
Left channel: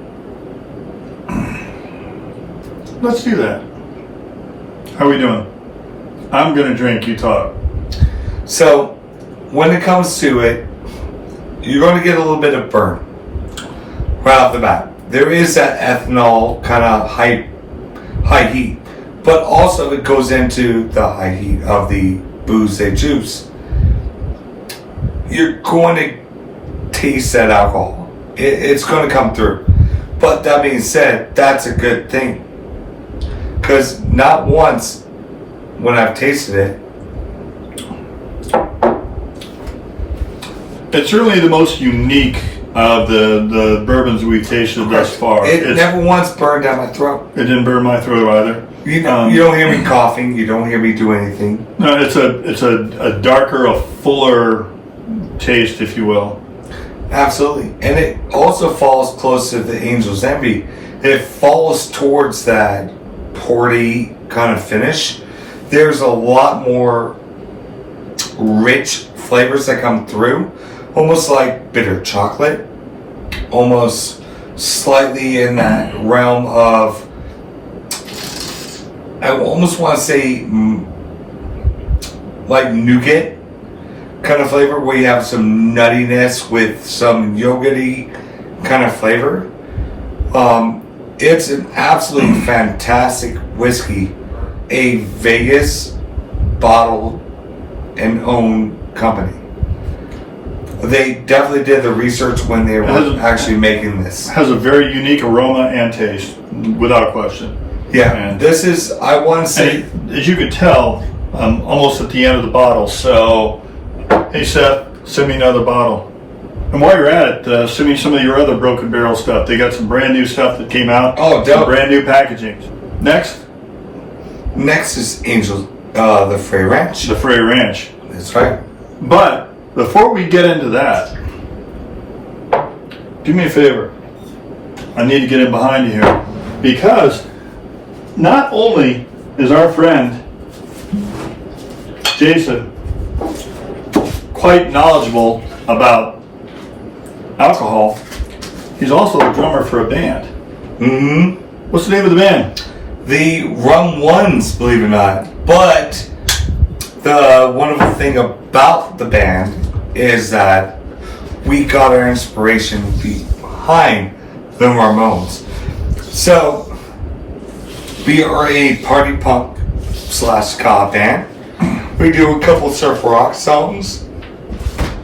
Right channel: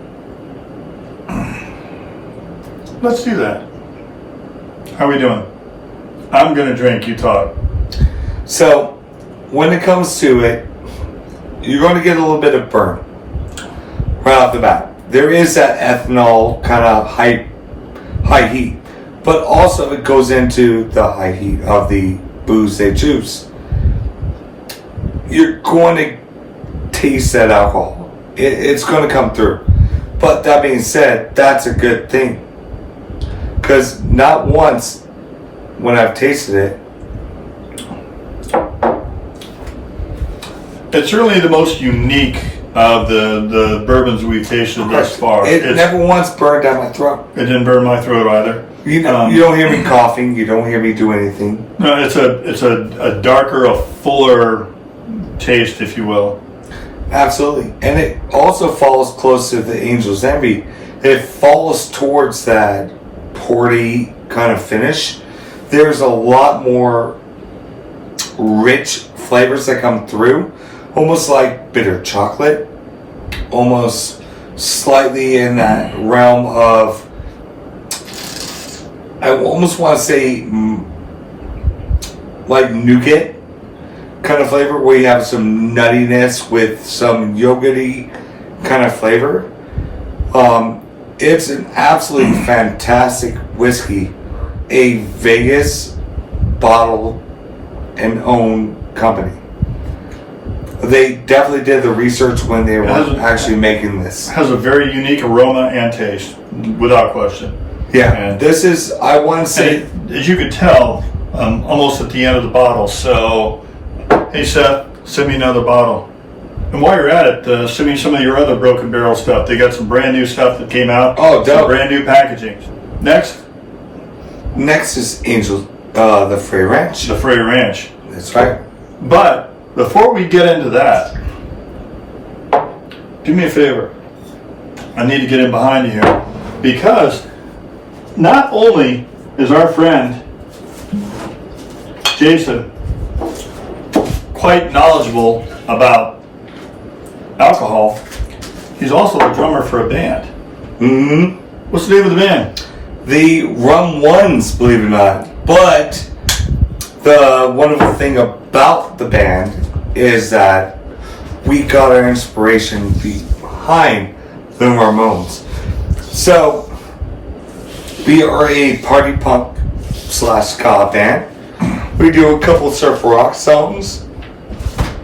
Let's do that. How are we doing? I'm going to drink, you talk. So, when it comes to it, you're going to get a little bit of burn. right off the bat. There is that ethanol kind of high heat, but also it goes into the high heat of the booze they choose. You're going to taste that alcohol. It's going to come through. But that being said, that's a good thing. Because not once when I've tasted it, it's certainly the most unique of the bourbons we've tasted thus far. It never once burned down my throat. It didn't burn my throat either. You don't hear me coughing. You don't hear me do anything. No, it's a darker, a fuller taste, if you will. Absolutely. And it also falls close to the Angel's Envy. It falls towards that porty kind of finish. There's a lot more rich flavors that come through. Almost like bitter chocolate. Almost slightly in that realm of, I almost want to say, like nougat kind of flavor, where you have some nuttiness with some yogurty kind of flavor. It's an absolutely fantastic whiskey. A Vegas bottled and owned company. They definitely did the research when they were actually making this. Has a very unique aroma and taste, without question. Yeah, And this is, I want to say, as you could tell, almost at the end of the bottle. So, hey Seth, send me another bottle. And while you're at it, send me some of your other Broken Barrel stuff. They got some brand new stuff that came out. Oh, dope. Some brand new packaging. Next is Angel, the Frey Ranch. the Frey Ranch. That's right. But before we get into that, do me a favor. I need to get in behind you here, because not only is our friend Jason quite knowledgeable about alcohol, he's also the drummer for a band. Mm-hmm. What's the name of the band? The Rum Ones, believe it or not. But the wonderful thing about the band is that we got our inspiration behind the Ramones. So we are a party punk / ska band. We do a couple of surf rock songs.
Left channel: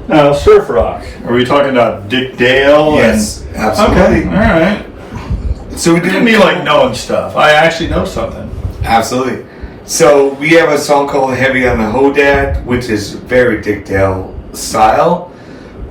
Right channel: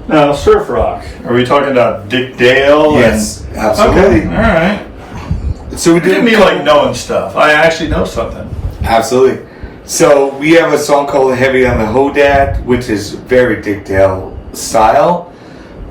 Now, surf rock. Are we talking about Dick Dale? Yes, absolutely. Okay, all right. So we Didn't mean like knowing stuff. I actually know something. Absolutely. So we have a song called Heavy on the Hodad, which is very Dick Dale style.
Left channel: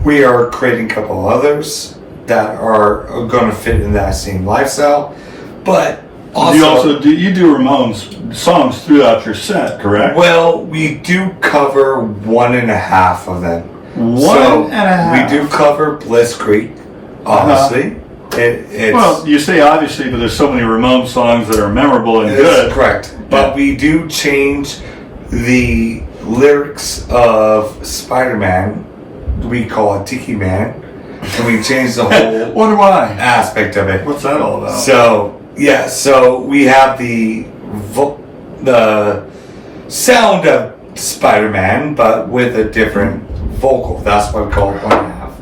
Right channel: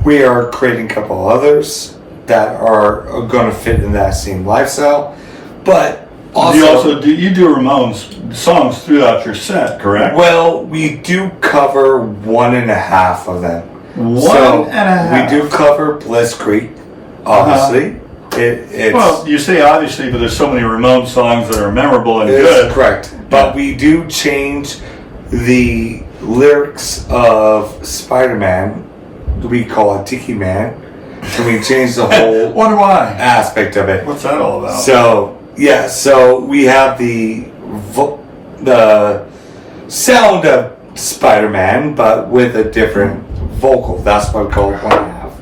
We are creating a couple others that are going to fit in that same lifestyle. But also, you do Ramones songs throughout your set, correct? Well, we do cover 1.5 of them. One and a half. We do cover Bliss Creek, obviously. It's, well, you say obviously, but there's so many Ramones songs that are memorable and good. Correct. But we do change the lyrics of Spider-Man. We call it Tiki Man. And we change the whole Wonder why? aspect of it. What's that all about? So, yeah, so we have the sound of Spider-Man, but with a different vocal. That's why we call it 1.5.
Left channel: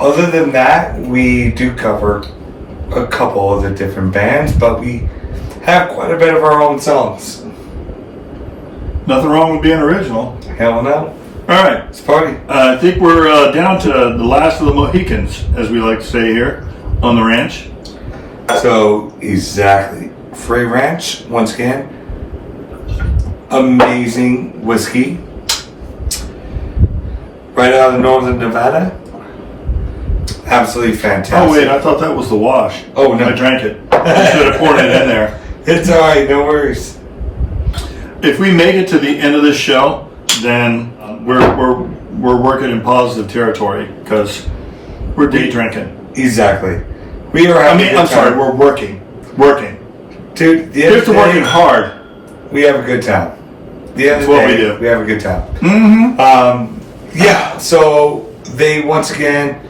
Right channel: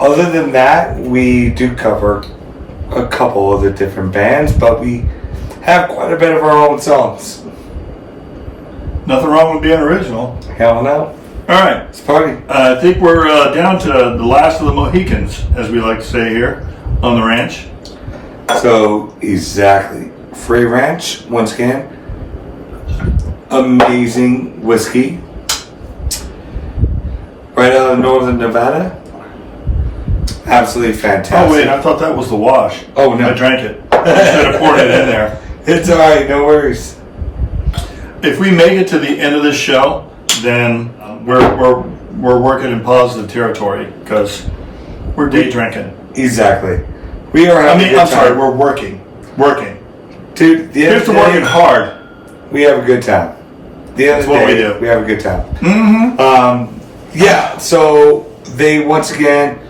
Other than that, we do cover a couple of the different bands, but we have quite a bit of our own songs. Nothing wrong with being original. Hell no. All right. It's a party. I think we're down to the last of the Mohicans, as we like to say here on the ranch. So, exactly. Frey Ranch, once again, amazing whiskey. Right out of northern Nevada. Absolutely fantastic. Oh, wait, I thought that was the wash. Oh, no. I drank it. Instead of pouring it in there. It's alright, no worries. If we make it to the end of this show, then we're working in positive territory, because we're day drinking. Exactly. We are having a good I'm time. sorry, we're working. Dude, Here's to working hard. We have a good time. The end of the That's what day, we do. we have a good time. Mm-hmm. Yeah, so they once again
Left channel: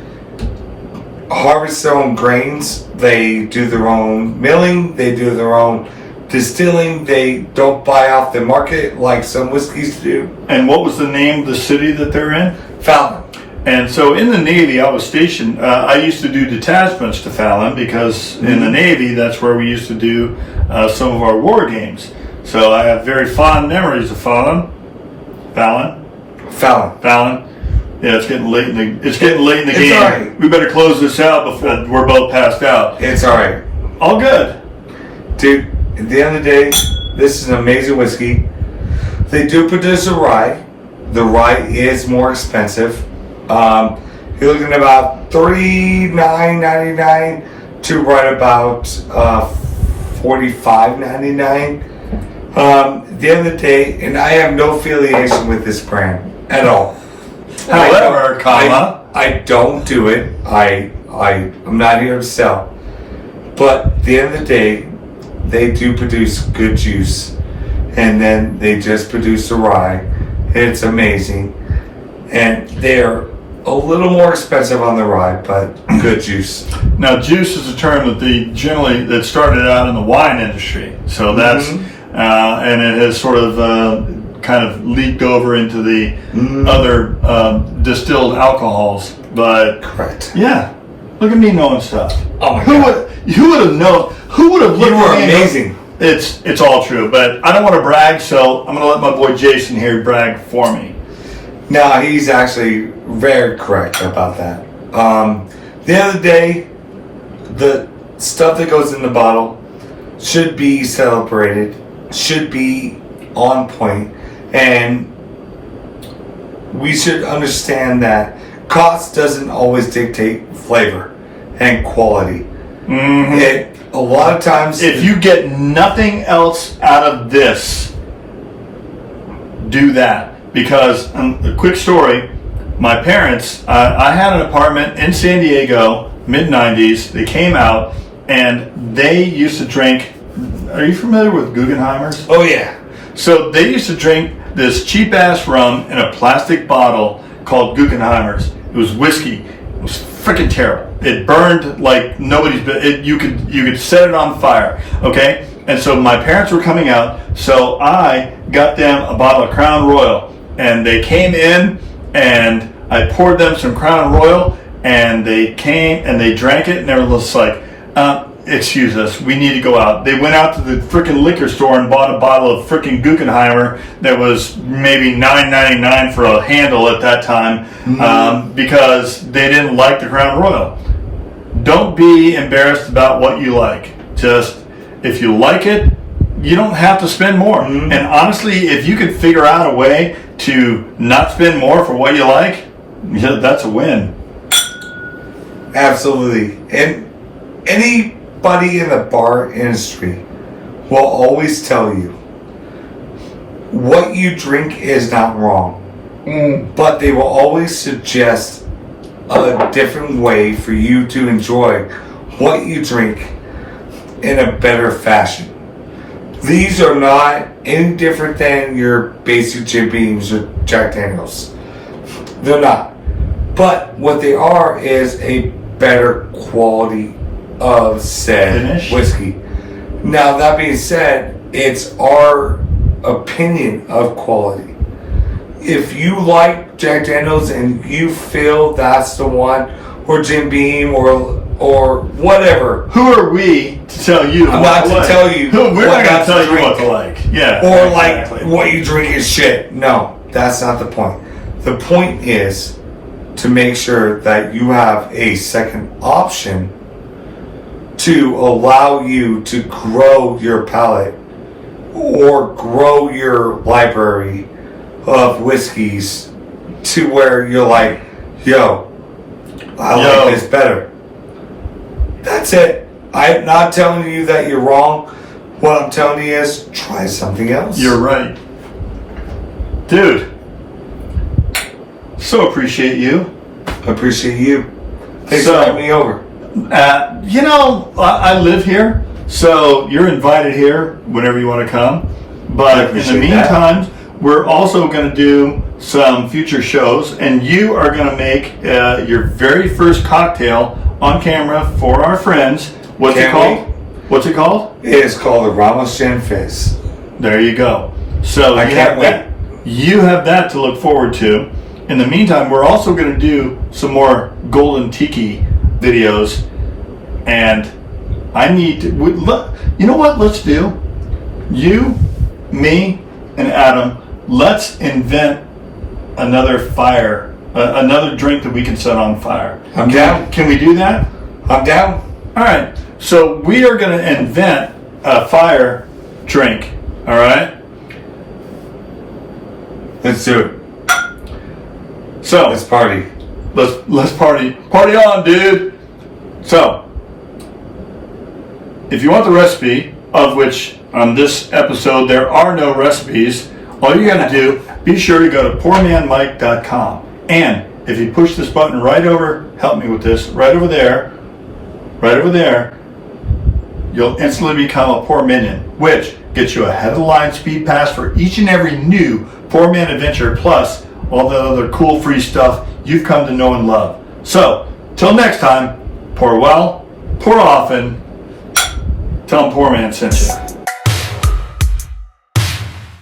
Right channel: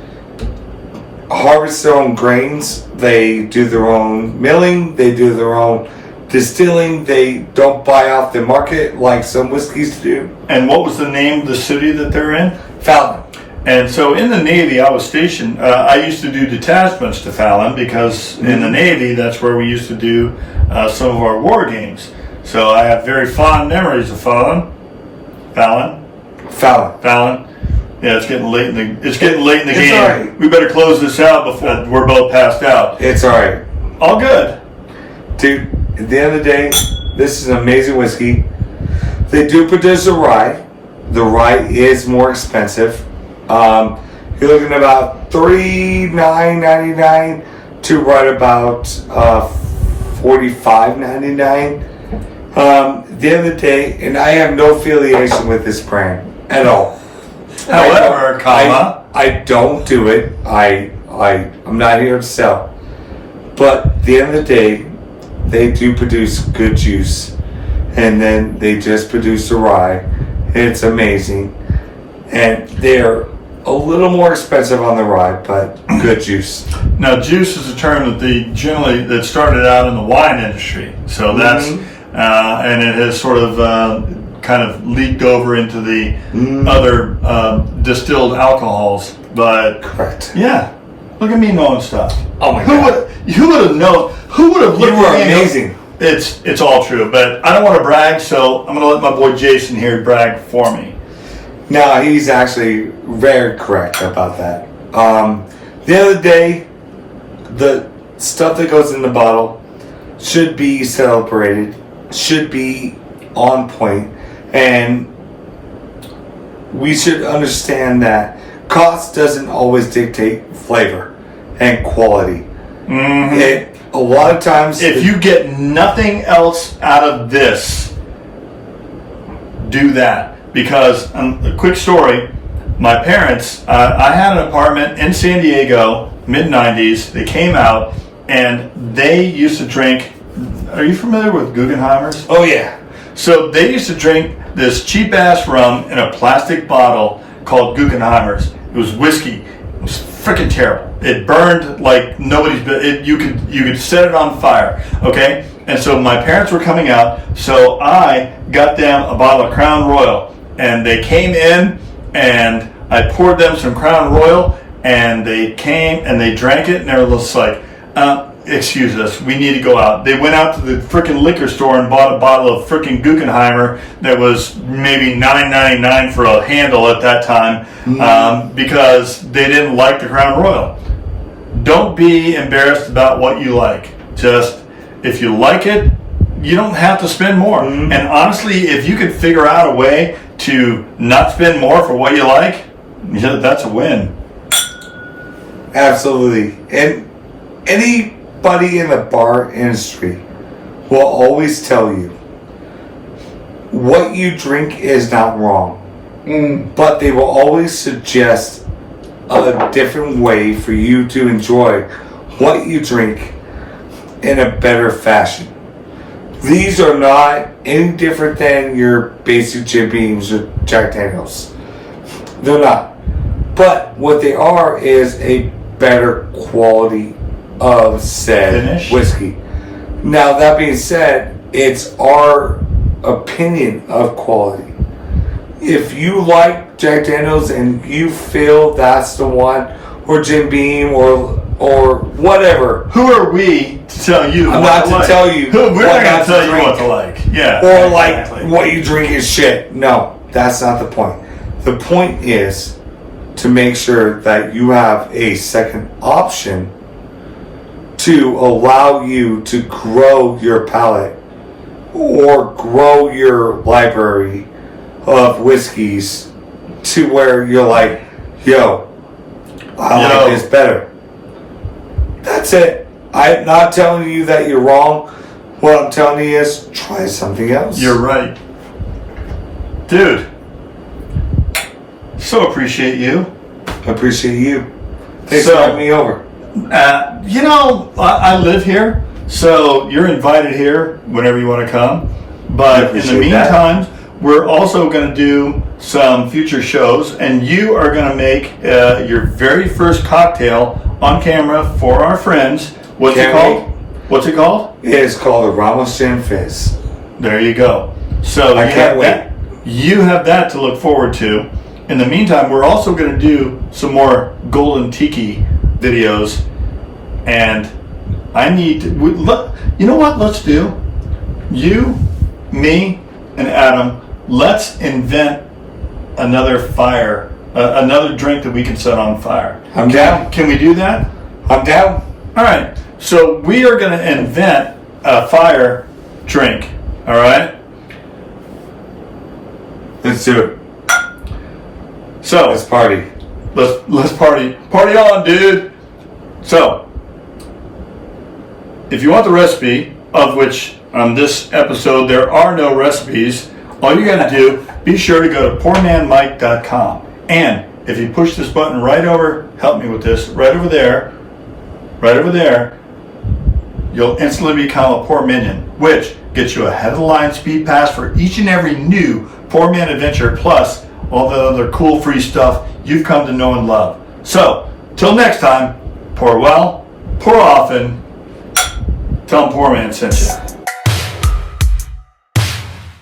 harvest their own grains. They do their own milling. They do their own distilling. They don't buy off the market like some whiskeys do. And what was the name of the city that they're in? Fountain. And so in the Navy, I was stationed. I used to do detachments to Fallon because in the Navy, that's where we used to do some of our war games. So I have very fond memories of Fallon. Yeah, it's getting late in the game. All right. We better close this out before we're both passed out. It's all right. All good. Dude, at the end of the day, this is an amazing whiskey. They do produce a rye. The rye is more expensive. You're looking at about $39.99 to right about $45.99. At the end of the day, and I have no affiliation with this brand at all. However, I don't do it. I'm not here to sell. But at the end of the day, they do produce good juice. And then they just produce a rye. It's amazing. And they're a little more expensive on the rye, but good juice. Now, juice is a term that started out in the wine industry. So that's, and it has sort of kind of leaked over into the other distilled alcohols. But correct. Yeah, look at me knowing stuff. Oh my God! Who would have known? Who would have looked You were at me? amazing. It's all true, but I don't want to brag, so I'm going to let my boy Jason here brag for me. No, he's actually very correct about that. The other day, the stuff that goes in the bottle should be celebrated, should be on point, and we should understand that cost doesn't always dictate flavor and quality. A lot of times, if you get nothing else out of this, do that. Because, a quick story, my parents, I had an apartment in San Diego, mid-90s. They came out, and they used to drink, are you familiar with Guggenheimers? Oh, yeah. So they used to drink this cheap-ass rum in a plastic bottle called Guggenheimers. It was whiskey. It was freaking terrible. It burned like nobody's. You could set it on fire. Okay, and so my parents were coming out, so I got them a bottle of Crown Royal, and they came in, and I poured them some Crown Royal, and they came and they drank it, and they were just like, excuse us, we need to go out. They went out to the freaking liquor store and bought a bottle of freaking Guggenheimer that was maybe $9.99 for a handle at that time, because they didn't like the Crown Royal. Don't be embarrassed about what you like. Just, if you like it, you don't have to spend more. And honestly, if you could figure out a way to not spend more for what you like, that's a win. Absolutely. And anybody in the bar industry will always tell you what you drink is not wrong. But they will always suggest a different way for you to enjoy what you drink in a better fashion. These are not any different than your basic Jim Beams or Jack Daniels. They're not. But what they are is a better quality of said finish whiskey. Now, that being said, it's our opinion of quality. If you like Jack Daniels and you feel that's the one, or Jim Beam, or whatever, who are we to tell you? I'm not to tell you. We're not going to tell you what to like. Yeah. Or exactly. Like what you drink is shit. No, that's not the point. The point is to make sure that you have a second option to allow you to grow your palate or grow your library of whiskeys to where you're like, yo, I like this better. That's it. I'm not telling you that you're wrong. What I'm telling you is try something else. You're right. Dude, so appreciate you. Appreciate you. Thanks for having me over. I live here, so you're invited here whenever you want to come. But in the meantime, we're also going to do some future shows, and you are going to make your very first cocktail on camera for our friends. What's it called? What's it called? It is called the Ramos Gin Fizz. There you go. So I can't wait. You have that to look forward to. In the meantime, we're also going to do some more Golden Tiki videos, and I need to, you know what, let's do? You, me, and Adam, let's invent another fire, another drink that we can set on fire. I'm down. Can we do that? I'm down. All right. So we are going to invent a fire drink. All right. Let's do it. So Let's party. let's party on, dude. So if you want the recipe, of which on this episode there are no recipes, all you got to do, be sure to go to PourManMike.com. And if you push this button right over, help me with this, right over there, you'll instantly become a Pour Minion, which gets you a head of the line speed pass for each and every new PourMan adventure, plus all the other cool free stuff you've come to know and love. So, till next time, pour well, pour often, tell them PourMan sent you.